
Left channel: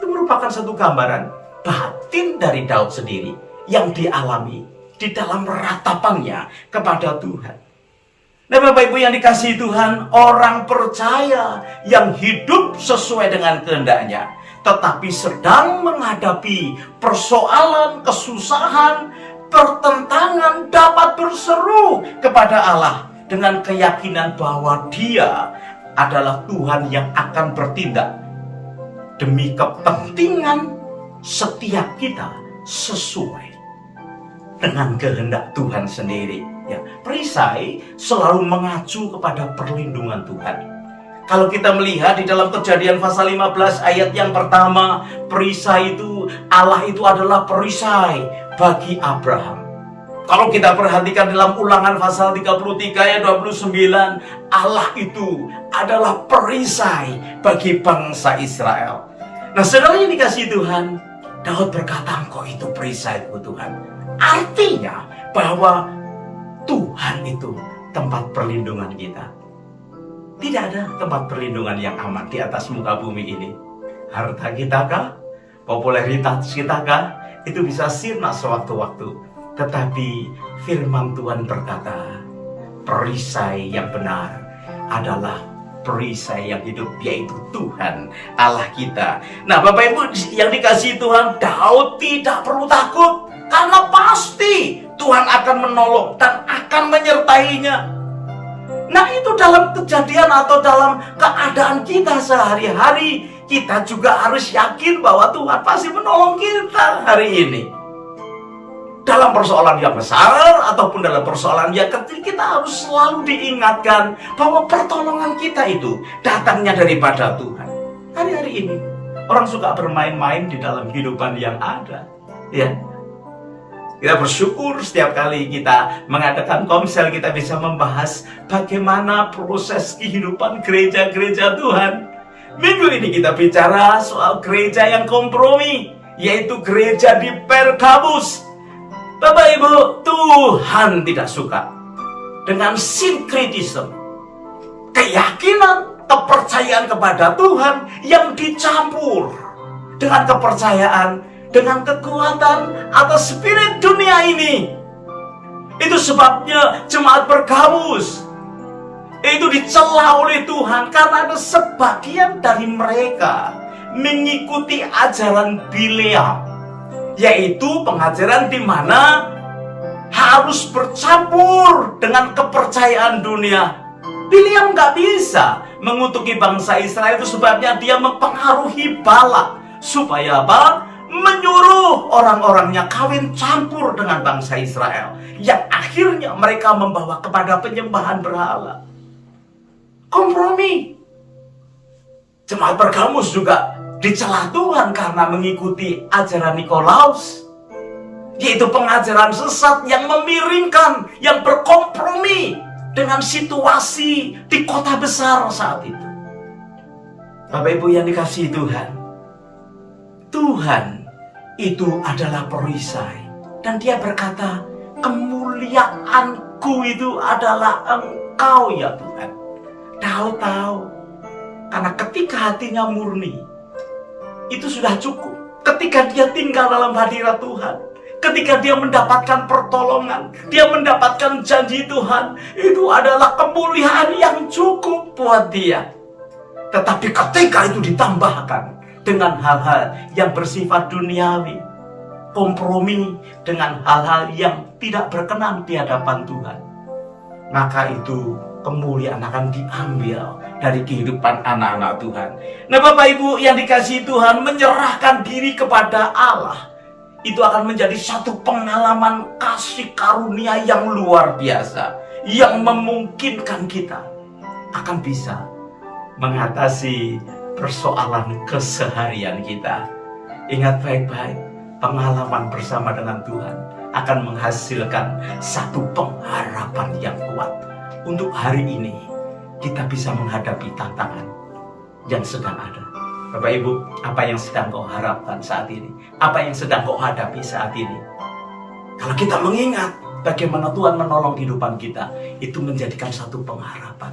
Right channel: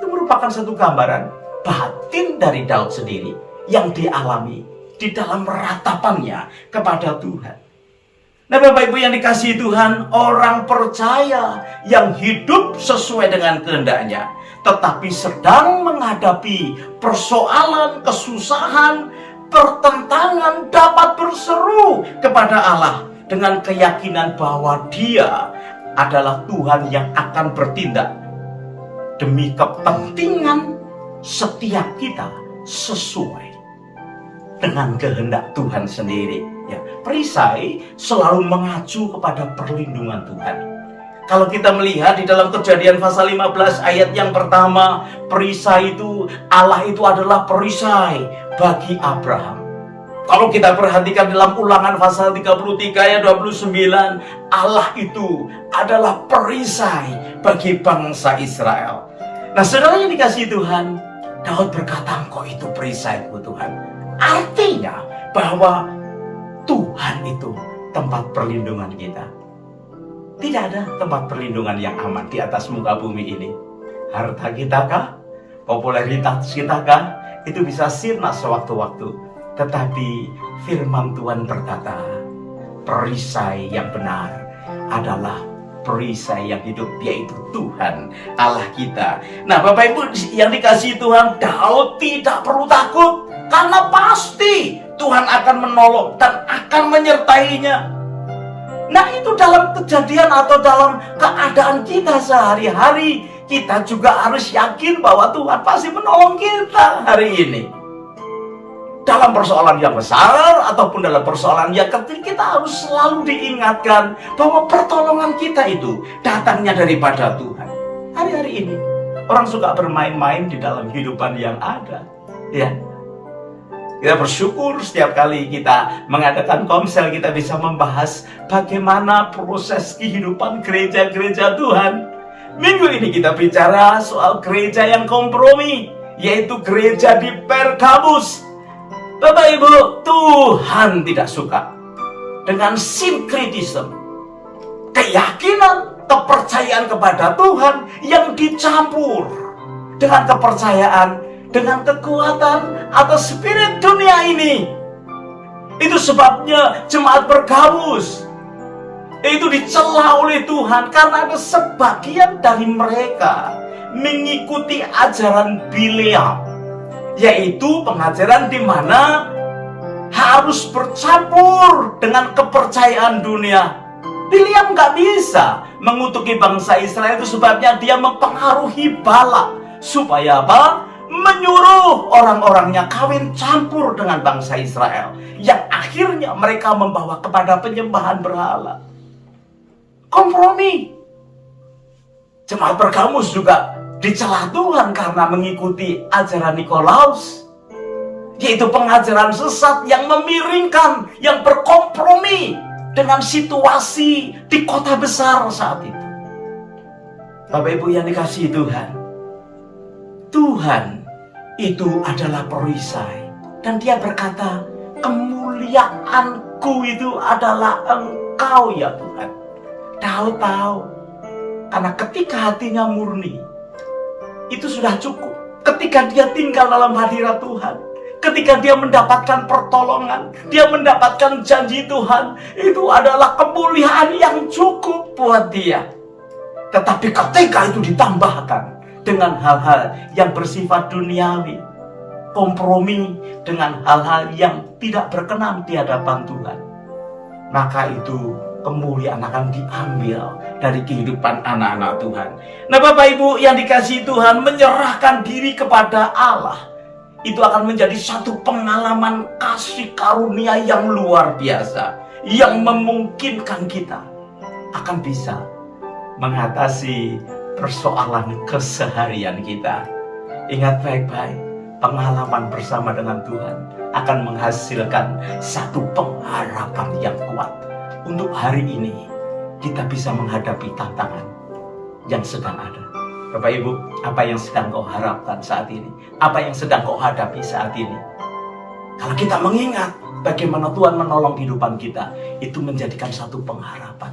Itu merupakan satu gambaran batin dari Daud sendiri yang dialami di dalam ratapannya kepada Tuhan. Nah Bapak Ibu yang dikasihi Tuhan, orang percaya yang hidup sesuai dengan kehendaknya, tetapi sedang menghadapi persoalan, kesusahan, pertentangan, dapat berseru kepada Allah dengan keyakinan bahwa Dia adalah Tuhan yang akan bertindak demi kepentingan setiap kita sesuai dengan kehendak Tuhan sendiri. Ya, perisai selalu mengacu kepada perlindungan Tuhan. Kalau kita melihat di dalam Kejadian pasal 15 ayat yang pertama, perisai itu, Allah itu adalah perisai bagi Abraham. Kalau kita perhatikan dalam Ulangan pasal 33 ayat 29, Allah itu adalah perisai bagi bangsa Israel. Nah saudara yang dikasihi Tuhan, Daud berkata, Engkau itu perisaiku Tuhan. Artinya bahwa Tuhan itu tempat perlindungan kita. Tidak ada tempat perlindungan yang aman di atas muka bumi ini. Harta kita kah? Popularitas kita kah? Itu bisa sirna sewaktu-waktu. Tetapi firman Tuhan berkata, perisai yang benar adalah perisai yang hidup, yaitu Tuhan Allah kita. Nah Bapak Ibu yang dikasihi Tuhan, Daud tidak perlu takut, karena pasti Tuhan akan menolong dan akan menyertainya. Nah itu dalam kejadian atau dalam keadaan kita sehari-hari, kita juga harus yakin bahwa Tuhan pasti menolong kita hari ini. Dalam persoalan yang besar ataupun dalam persoalan yang kecil, kita harus selalu diingatkan bahwa pertolongan kita itu datangnya daripada Tuhan. Hari-hari ini orang suka bermain-main di dalam kehidupan yang ada, ya. Kita bersyukur setiap kali kita mengadakan komsel, kita bisa membahas bagaimana proses kehidupan gereja-gereja Tuhan. Minggu ini kita bicara soal gereja yang kompromi, yaitu gereja di Pergamus. Bapak Ibu, Tuhan tidak suka dengan sinkritisme, keyakinan, kepercayaan kepada Tuhan yang dicampur dengan kepercayaan, dengan kekuatan atau spirit dunia ini. Itu sebabnya jemaat Pergamus itu dicela oleh Tuhan karena ada sebagian dari mereka mengikuti ajaran Bileam, yaitu pengajaran di mana harus bercampur dengan kepercayaan dunia. Bileam gak bisa mengutuki bangsa Israel, itu sebabnya dia mempengaruhi Balak supaya apa? Menyuruh orang-orangnya kawin campur dengan bangsa Israel, yang akhirnya mereka membawa kepada penyembahan berhala. Kompromi. Jemaat Pergamus juga dicela Tuhan karena mengikuti ajaran Nikolaus, yaitu pengajaran sesat yang memiringkan, yang berkompromi dengan situasi di kota besar saat itu. Bapak Ibu yang dikasihi Tuhan, Tuhan itu adalah perisai, dan Dia berkata, kemuliaanku itu adalah Engkau ya Tuhan. Daud tahu, karena ketika hatinya murni, itu sudah cukup. Ketika dia tinggal dalam hadirat Tuhan, ketika dia mendapatkan pertolongan, dia mendapatkan janji Tuhan, itu adalah kemuliaan yang cukup buat dia. Tetapi ketika itu ditambahkan dengan hal-hal yang bersifat duniawi, kompromi dengan hal-hal yang tidak berkenan di hadapan Tuhan, maka itu kemuliaan akan diambil dari kehidupan anak-anak Tuhan. Nah, Bapak Ibu yang dikasihi Tuhan, menyerahkan diri kepada Allah itu akan menjadi satu pengalaman kasih karunia yang luar biasa, yang memungkinkan kita akan bisa mengatasi persoalan keseharian kita. Ingat baik-baik, pengalaman bersama dengan Tuhan akan menghasilkan satu pengharapan yang kuat. Untuk hari ini, kita bisa menghadapi tantangan yang sedang ada. Bapak Ibu, apa yang sedang kau harapkan saat ini? Apa yang sedang kau hadapi saat ini? Kalau kita mengingat bagaimana Tuhan menolong kehidupan kita, itu menjadikan satu pengharapan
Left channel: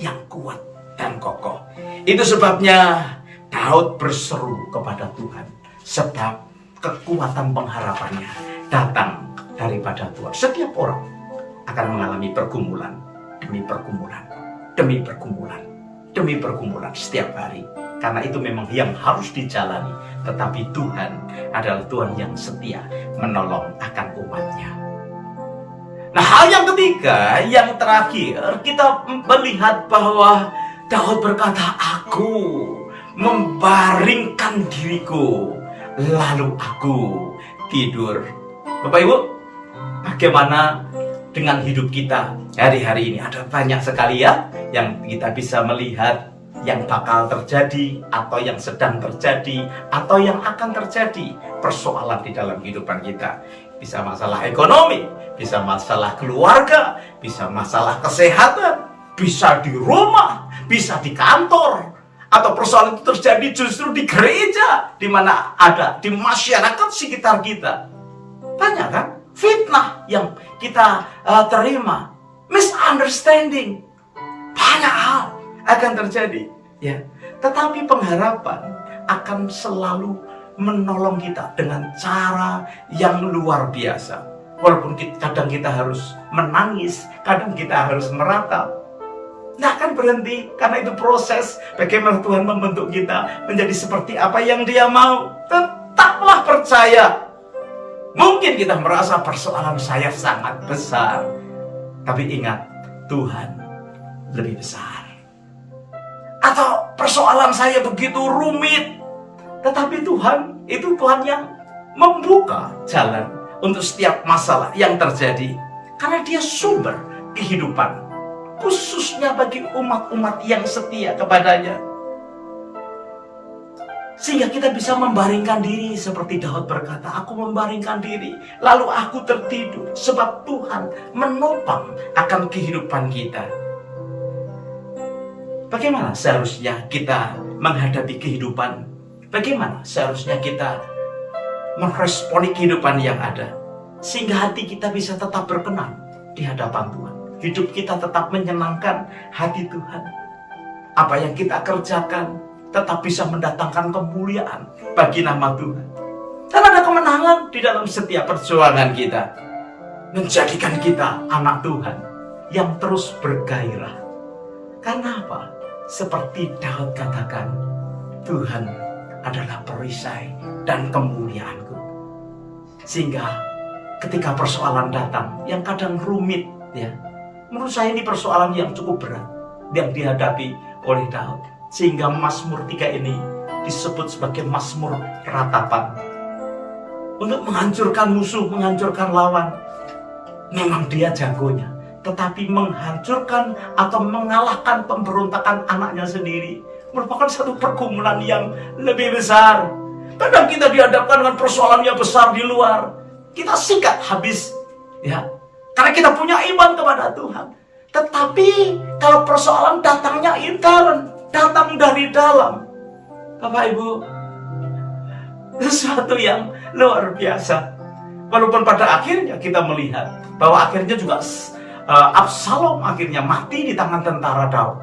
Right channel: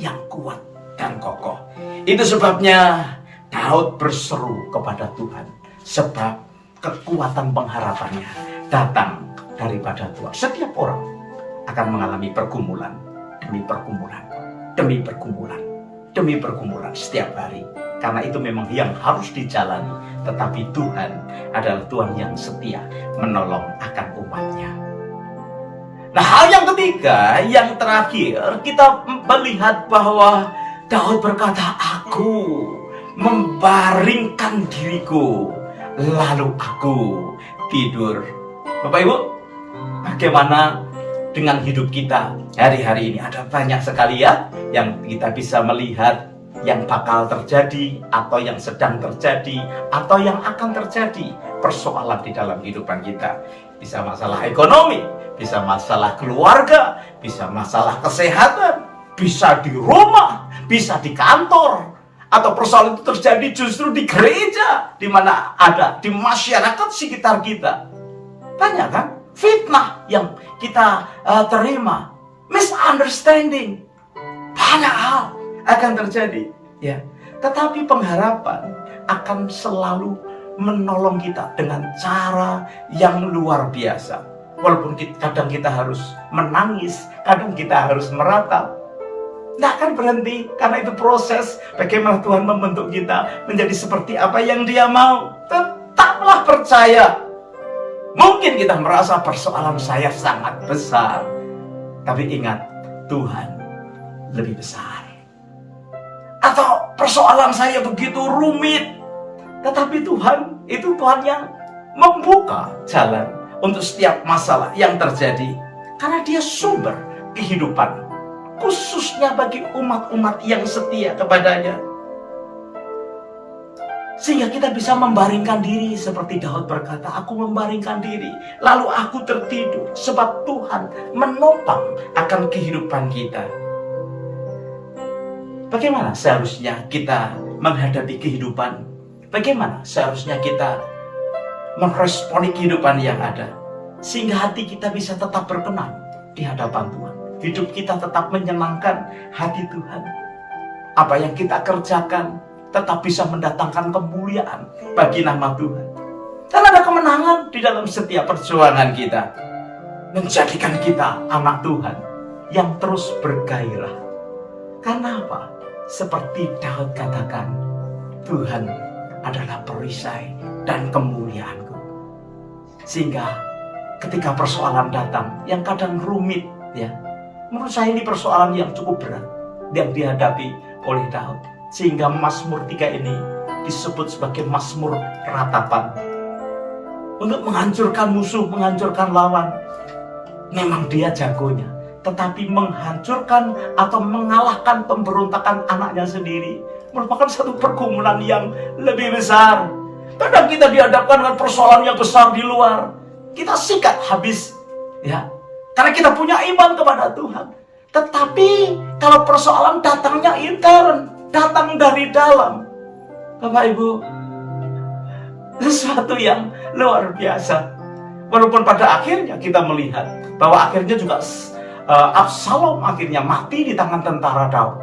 yang kuat dan kokoh. Itu sebabnya Daud berseru kepada Tuhan, sebab kekuatan pengharapannya datang daripada Tuhan. Setiap orang akan mengalami pergumulan demi pergumulan, demi pergumulan, demi pergumulan setiap hari. Karena itu memang yang harus dijalani. Tetapi Tuhan adalah Tuhan yang setia menolong akan umatnya. Nah, hal yang ketiga, yang terakhir, kita melihat bahwa Daud berkata, aku membaringkan diriku, lalu aku tidur. Bapak Ibu, bagaimana dengan hidup kita hari-hari ini? Ada banyak sekali ya yang kita bisa melihat yang bakal terjadi, atau yang sedang terjadi, atau yang akan terjadi persoalan di dalam kehidupan kita. Bisa masalah ekonomi, bisa masalah keluarga, bisa masalah kesehatan, bisa di rumah, bisa di kantor, atau persoalan itu terjadi justru di gereja, di mana ada di masyarakat sekitar kita. Banyak kan fitnah yang kita terima, misunderstanding, banyak hal akan terjadi, ya. Tetapi pengharapan akan selalu menolong kita dengan cara yang luar biasa. Walaupun kadang kita harus menangis, kadang kita harus meratap, tidak akan berhenti, karena itu proses bagaimana Tuhan membentuk kita menjadi seperti apa yang Dia mau. Tetaplah percaya. Mungkin kita merasa persoalan saya sangat besar, tapi ingat, Tuhan lebih besar. Atau persoalan saya begitu rumit, tetapi Tuhan itu Tuhan yang membuka jalan untuk setiap masalah yang terjadi, karena Dia sumber kehidupan, khususnya bagi umat-umat yang setia kepadanya. Sehingga kita bisa membaringkan diri seperti Daud berkata, aku membaringkan diri, lalu aku tertidur, sebab Tuhan menopang akan kehidupan kita. Bagaimana seharusnya kita menghadapi kehidupan? Bagaimana seharusnya kita meresponi kehidupan yang ada? Sehingga hati kita bisa tetap berkenan di hadapan Tuhan. Hidup kita tetap menyenangkan hati Tuhan. Apa yang kita kerjakan tetap bisa mendatangkan kemuliaan bagi nama Tuhan. Dan ada kemenangan di dalam setiap perjuangan kita. Menjadikan kita anak Tuhan yang terus bergairah. Karena apa? Seperti Daud katakan, Tuhan adalah perisai dan kemuliaanku. Sehingga ketika persoalan datang yang kadang rumit, ya, menurut saya ini persoalan yang cukup berat yang dihadapi oleh Daud. Sehingga Mazmur 3 ini disebut sebagai Mazmur ratapan. Untuk menghancurkan musuh, menghancurkan lawan. Memang dia jagonya. Tetapi menghancurkan atau mengalahkan pemberontakan anaknya sendiri merupakan satu pergumulan yang lebih besar. Kadang kita dihadapkan dengan persoalan yang besar di luar, kita sikat habis, ya, karena kita punya iman kepada Tuhan. Tetapi kalau persoalan datangnya intern, datang dari dalam, Bapak Ibu, sesuatu yang luar biasa. Walaupun pada akhirnya kita melihat bahwa akhirnya juga Absalom akhirnya mati di tangan tentara Daud.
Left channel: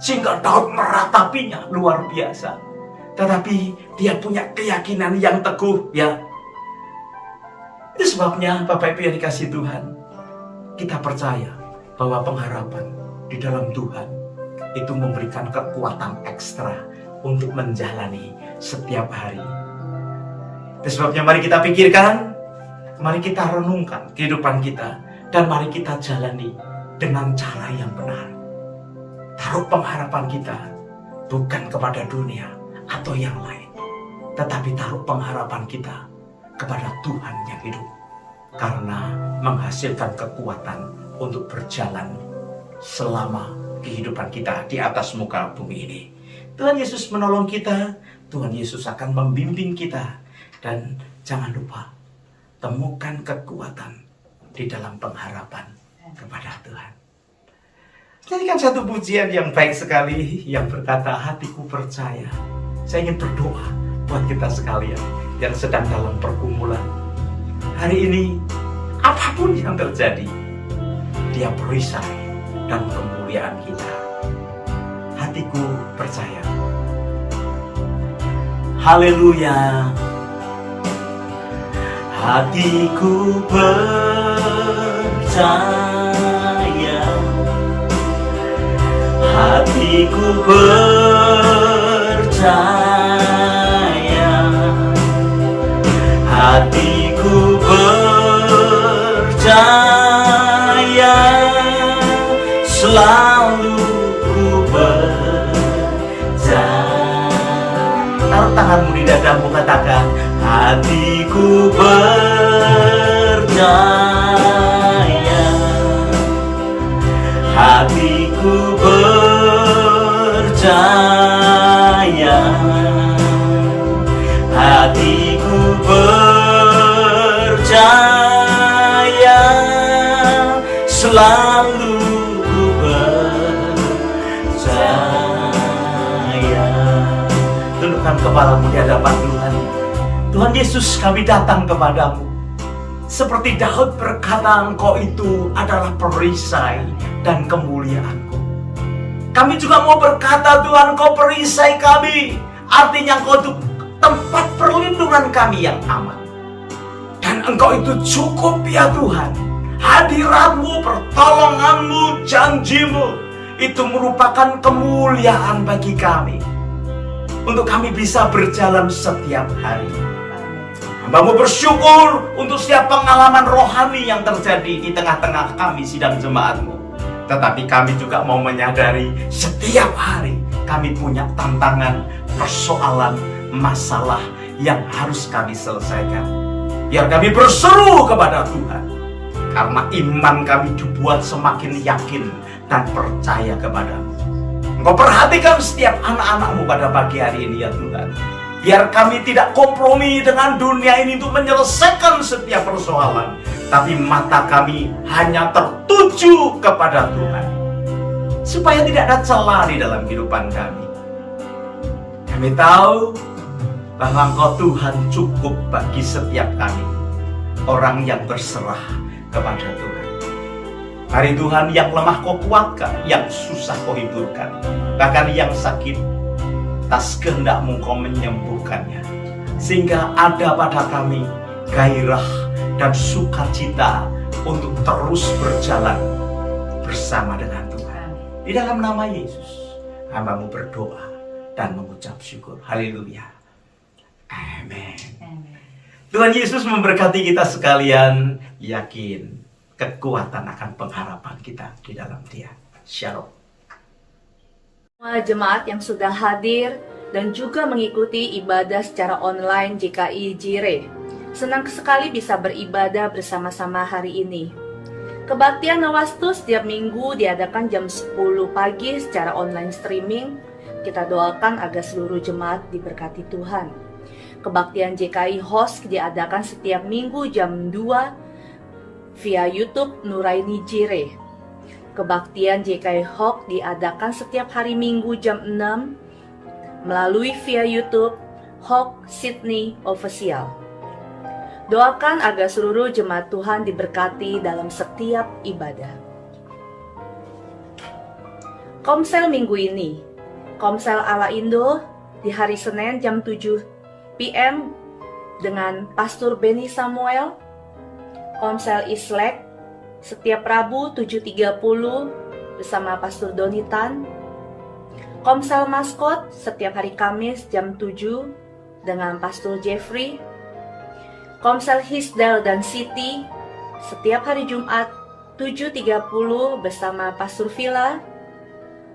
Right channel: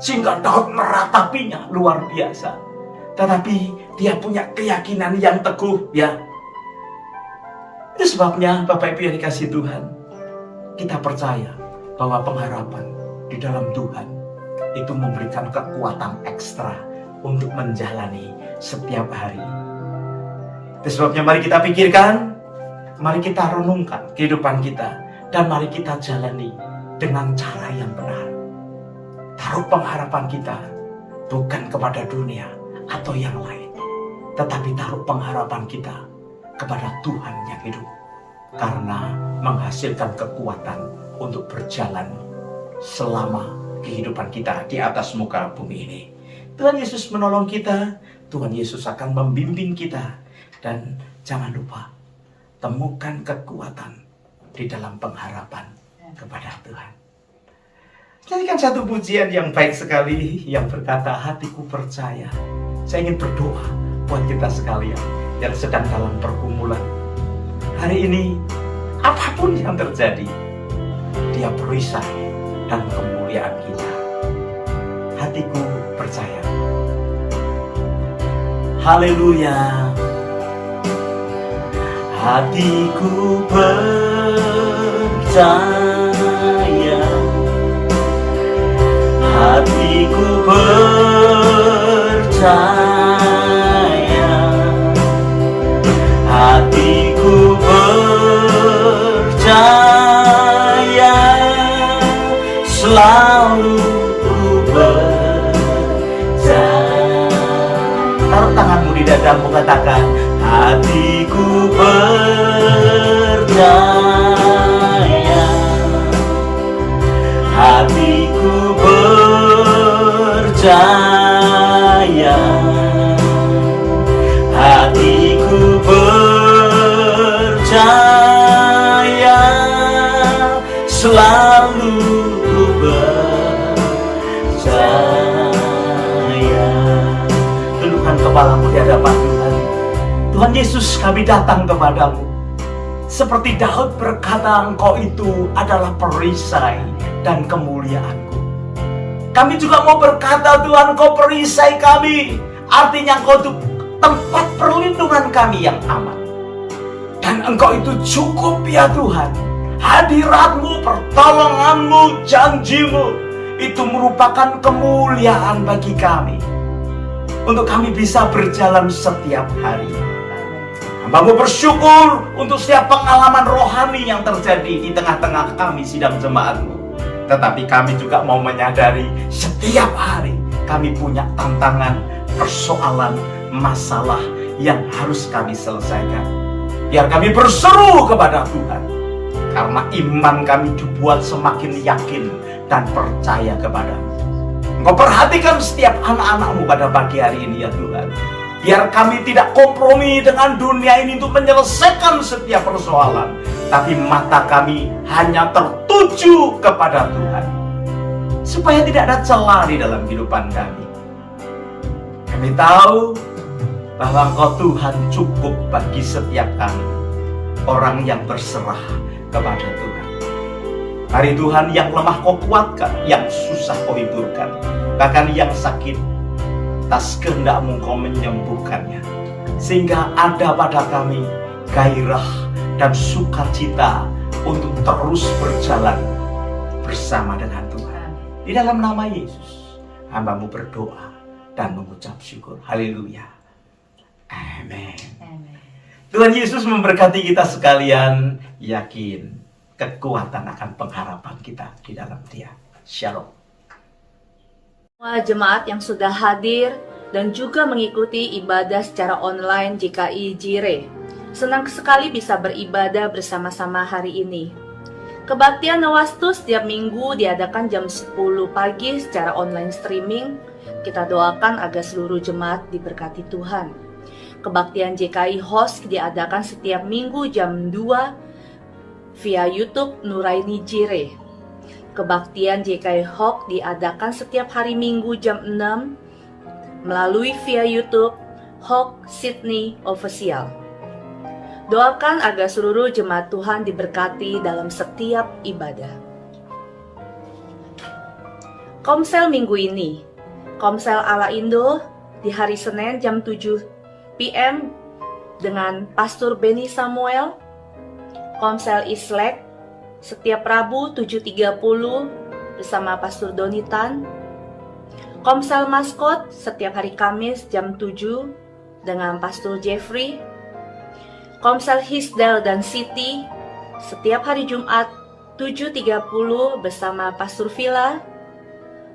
Sehingga Daud meratapinya luar biasa. Tetapi dia punya keyakinan yang teguh, ya. Itu sebabnya Bapak Ibu yang dikasihi Tuhan, kita percaya bahwa pengharapan di dalam Tuhan itu memberikan kekuatan ekstra untuk menjalani setiap hari. Itu sebabnya mari kita pikirkan, mari kita renungkan kehidupan kita, dan mari kita jalani dengan cara yang benar. Taruh pengharapan kita bukan kepada dunia atau yang lain, tetapi taruh pengharapan kita kepada Tuhan yang hidup, karena menghasilkan kekuatan untuk berjalan selama kehidupan kita di atas muka bumi ini. Tuhan Yesus menolong kita, Tuhan Yesus akan membimbing kita, dan jangan lupa temukan kekuatan di dalam pengharapan kepada Tuhan. Nyanyikan satu pujian yang baik sekali yang berkata, hatiku percaya. Saya ingin berdoa buat kita sekalian yang sedang dalam pergumulan. Hari ini, apapun yang terjadi, Dia perisai dan kemuliaan kita. Hatiku percaya. Haleluya. Hatiku percaya. Hatiku percaya. Hatiku percaya. Selalu ku percaya. Taruh tanganmu di dadamu, katakan, hatiku percaya. Hatiku percaya. Hatiku percaya. Selalu percaya. Tundukkan kepalamu di hadapan Tuhan. Tuhan Yesus, kami datang kepadamu. Seperti Daud berkata, Engkau itu adalah perisai dan kemuliaanku. Kami juga mau berkata, Tuhan, Engkau perisai kami. Artinya Engkau itu tempat perlindungan kami yang aman. Dan Engkau itu cukup ya Tuhan. Hadiratmu, pertolonganmu, janjimu, itu merupakan kemuliaan bagi kami, untuk kami bisa berjalan setiap hari. Hamba-Mu bersyukur untuk setiap pengalaman rohani yang terjadi di tengah-tengah kami sidang jemaat-Mu. Tetapi kami juga mau menyadari setiap hari kami punya tantangan, persoalan, masalah yang harus kami selesaikan. Biar kami berseru kepada Tuhan, karena iman kami dibuat semakin yakin dan percaya kepada-Mu. Engkau perhatikan setiap anak-anak-Mu pada pagi hari ini ya Tuhan. Biar kami tidak kompromi dengan dunia ini untuk menyelesaikan setiap persoalan, tapi mata kami hanya tertuju kepada Tuhan, supaya tidak ada celah di dalam kehidupan kami. Kami tahu bahwa Engkau Tuhan cukup bagi setiap kami, orang yang berserah kepada Tuhan. Mari Tuhan, yang lemah Kau kuatkan, yang susah Kau hiburkan, bahkan yang sakit, atas kehendak-Mu Kau menyembuhkannya, sehingga ada pada kami gairah dan sukacita untuk terus berjalan bersama dengan Tuhan. Di dalam nama Yesus, hamba-Mu berdoa dan mengucap syukur. Haleluya. Amin. Tuhan Yesus memberkati kita sekalian. Yakin kekuatan akan pengharapan kita di dalam Dia. Shalom. Semua jemaat yang sudah hadir dan juga mengikuti ibadah secara online JKI Jire. Senang sekali bisa beribadah bersama-sama hari ini. Kebaktian Nawastu setiap minggu diadakan jam 10 pagi secara online streaming. Kita doakan agar seluruh jemaat diberkati Tuhan. Kebaktian JKI Host diadakan setiap minggu jam 2 via YouTube Nuraini Jire. Kebaktian JKI Hawk diadakan setiap hari Minggu jam 6 melalui via YouTube Hawk Sydney Official. Doakan agar seluruh jemaat Tuhan diberkati dalam setiap ibadah. Komsel minggu ini, Komsel ala Indo di hari Senin jam 7 PM dengan Pastor Benny Samuel. Komsel Islek setiap Rabu 7.30 bersama Pastor Donitan. Komsel Maskot setiap hari Kamis jam 7 dengan Pastor Jeffrey. Komsel Hisdal dan Siti setiap hari Jumat 7.30 bersama Pastor Villa.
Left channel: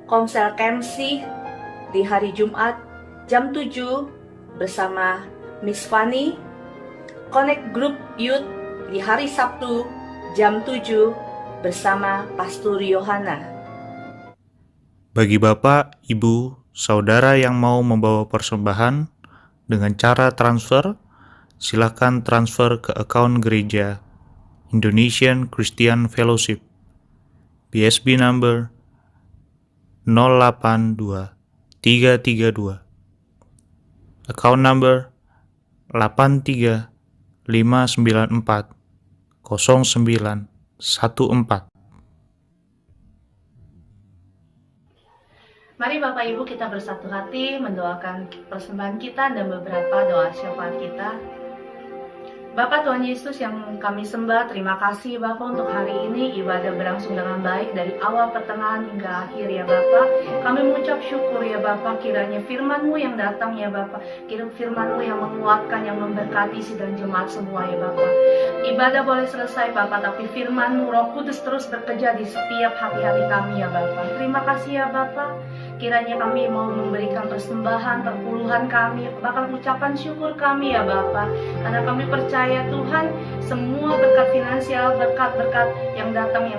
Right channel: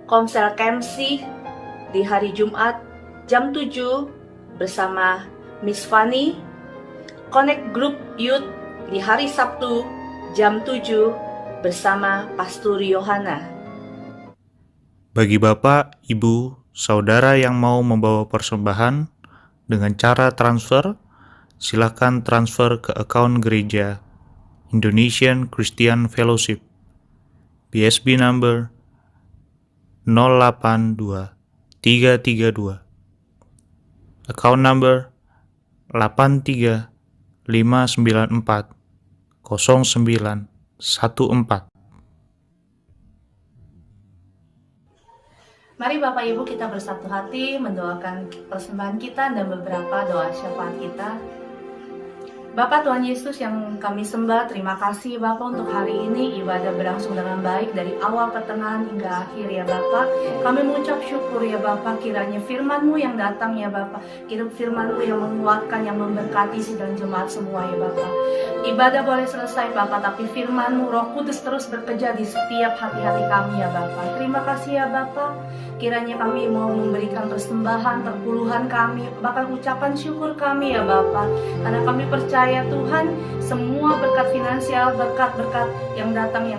Komsel Kemsi di hari Jumat jam 7 bersama Miss Fanny. Connect Group Youth di hari Sabtu jam 7 bersama Pastor Yohana. Bagi Bapak, Ibu, Saudara yang mau membawa persembahan dengan cara transfer, silakan transfer ke akun gereja Indonesian Christian Fellowship, BSB number 082 332, account number 83594 0914. Mari Bapak Ibu kita bersatu hati mendoakan persembahan kita dan beberapa doa syafaat kita. Bapak Tuhan Yesus yang kami sembah, terima kasih Bapak untuk hari ini ibadah berlangsung dengan baik dari awal pertengahan hingga akhir ya Bapak. Kami mengucap syukur ya Bapak, kiranya firman-Mu yang datang ya Bapak, kiranya firman-Mu yang menguatkan, yang memberkati sidang jemaat semua ya Bapak. Ibadah boleh selesai Bapak, tapi firman-Mu Roh Kudus terus bekerja di setiap hati-hati kami ya Bapak. Terima kasih ya Bapak, kiranya kami mau memberikan persembahan, perpuluhan kami, bahkan ucapan syukur kami ya Bapak, karena kami percaya Tuhan, semua berkat finansial, berkat-berkat yang datang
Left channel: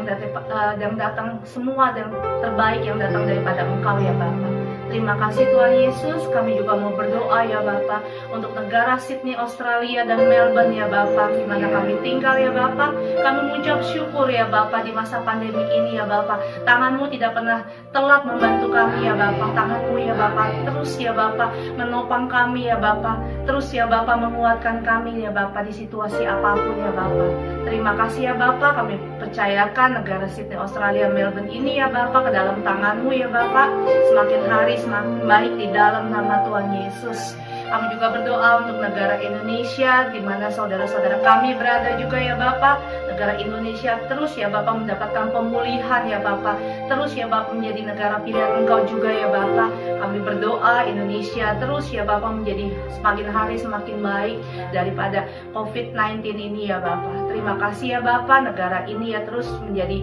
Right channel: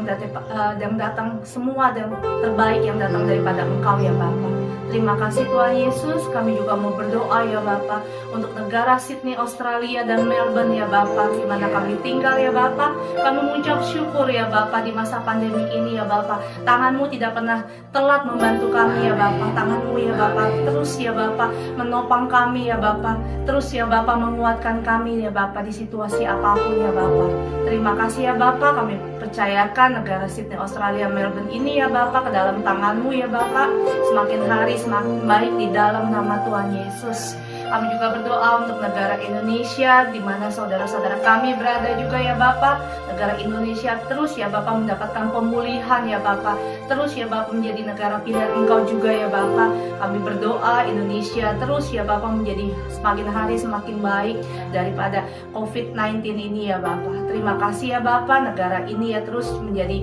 semua dan terbaik yang datang daripada Engkau ya Bapa. Terima kasih Tuhan Yesus. Kami juga mau berdoa ya Bapa untuk negara Sydney, Australia dan Melbourne ya Bapa, di mana kami tinggal ya Bapa. Kami mengucap syukur ya Bapa di masa pandemi ini ya Bapa. Tangan-Mu tidak pernah telat membantu kami ya Bapa. Tangan-Mu ya Bapa terus ya Bapa menopang kami ya Bapa. Terus ya Bapa menguatkan kami ya Bapa di situasi apapun ya Bapa. Terima kasih ya Bapa, kami percayakan negara Sydney, Australia, Melbourne ini ya Bapa ke dalam tangan-Mu ya Bapa. Semakin hari semakin baik di dalam nama Tuhan Yesus. Kami juga berdoa untuk negara Indonesia, di mana saudara-saudara kami berada juga ya Bapa. Negara Indonesia terus ya Bapa mendapatkan pemulihan ya Bapa. Terus ya Bapa menjadi negara pilihan Engkau juga ya Bapa. Kami berdoa Indonesia terus ya Bapa menjadi semakin hari semakin baik daripada COVID-19 ini ya Bapa. Terima kasih ya Bapa, negara ini ya terus menjadi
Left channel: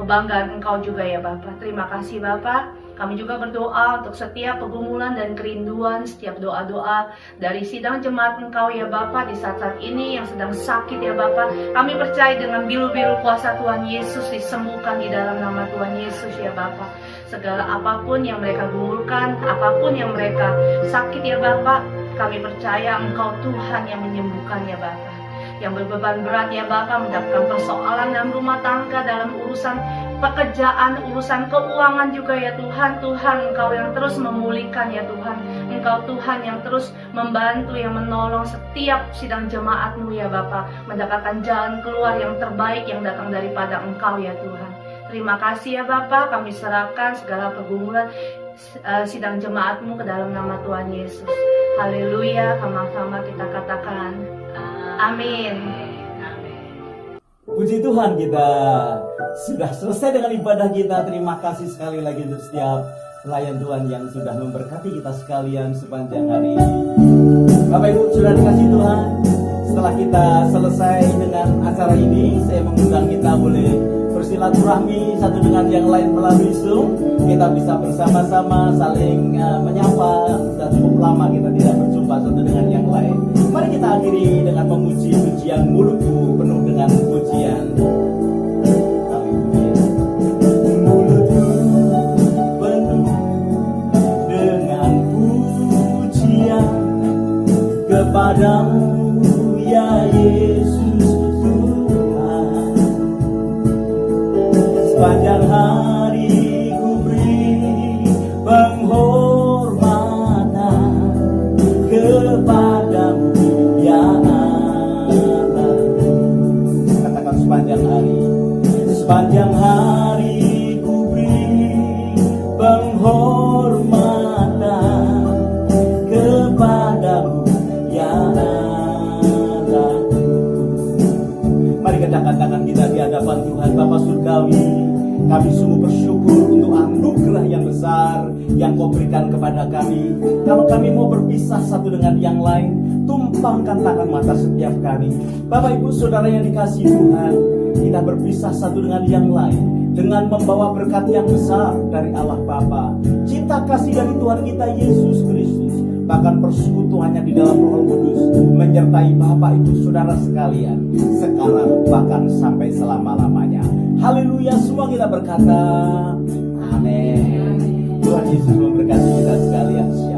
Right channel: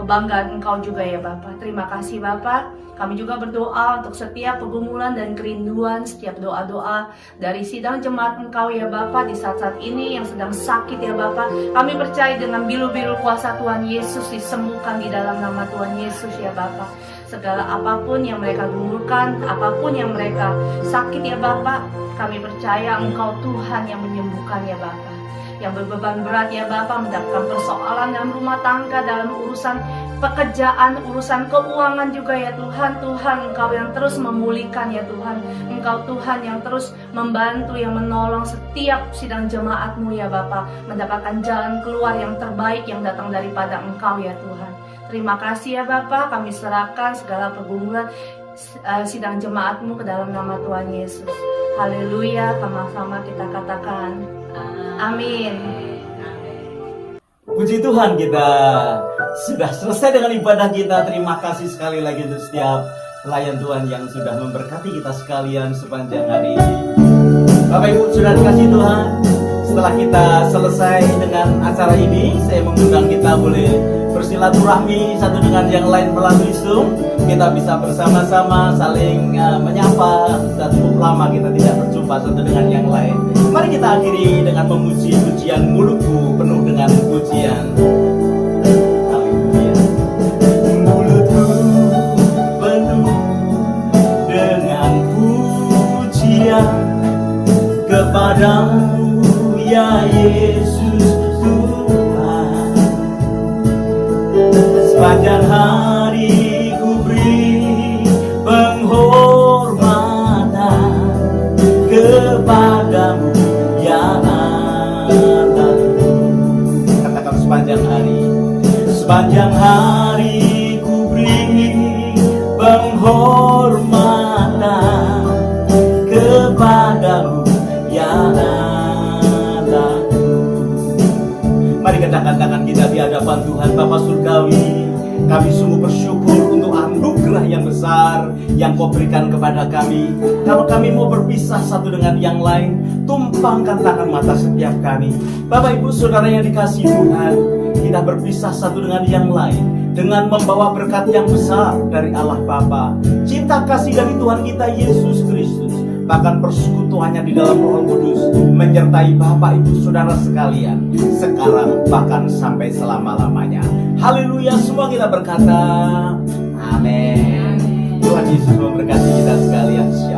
kebanggaan Engkau juga ya Bapa. Terima kasih Bapa. Kami juga berdoa untuk setiap pergumulan dan kerinduan, setiap doa-doa dari sidang jemaat Engkau ya Bapa di saat-saat ini yang sedang sakit ya Bapa. Kami percaya dengan bilu-bilu kuasa Tuhan Yesus disembuhkan di dalam nama Tuhan Yesus ya Bapa. Segala apapun yang mereka gumulkan, apapun yang mereka sakit ya Bapa, kami percaya Engkau Tuhan yang menyembuhkan ya Bapa. Yang berbeban berat ya Bapa, mendapatkan persoalan dalam rumah tangga, dalam urusan pekerjaan, urusan keuangan juga ya Tuhan. Tuhan Engkau yang terus memulihkan ya Tuhan. Engkau Tuhan yang terus membantu, yang menolong setiap sidang jemaat-Mu ya Bapa, mendapatkan jalan keluar yang terbaik yang datang daripada Engkau ya Tuhan. Terima kasih ya Bapa, kami serahkan segala pergumulan sidang jemaat-Mu ke dalam nama Tuhan Yesus. Haleluya, sama-sama kita katakan amin. Puji Tuhan, kita sudah selesai dengan ibadah kita. Terima kasih sekali lagi untuk setiap pelayan Tuhan yang sudah memberkati kita sekalian sepanjang hari ini. Bapak Ibu sudah dikasih Tuhan, setelah kita selesai dengan acara ini, saya mengundang kita boleh bersilaturahmi satu dengan yang lain melalui Zoom. Kita bisa bersama-sama saling menyapa. Sudah cukup lama kita tidak berjumpa satu dengan yang lain. Mari kita akhiri dengan memuji pujian mulutku penuh dengan pujian. Haleluya. Mulutku penuh dengan pujian kepadamu ya Yesus Tuhan. Sepanjang hari ku beri penghormatan kepadamu ya Allah. Katakan sepanjang hari ku beri penghormatan kepadamu ya Allah. Mari kedahkan tangan kita di hadapan Tuhan Bapa Surgawi. Kami sungguh bersyukur untuk anugerah yang besar yang Kau berikan kepada kami. Kalau kami mau berpisah satu dengan yang lain, tumpangkan tangan mata setiap kami. Bapak Ibu Saudara yang dikasihi Tuhan, kita berpisah satu dengan yang lain dengan membawa berkat yang besar dari Allah Bapa, cinta kasih dari Tuhan kita Yesus Kristus, bahkan persekutuannya di dalam Roh Kudus menyertai Bapak Ibu Saudara sekalian sekarang bahkan sampai selama-lamanya. Haleluya, semua kita berkata amin. Tuhan Yesus memberkati kita sekalian.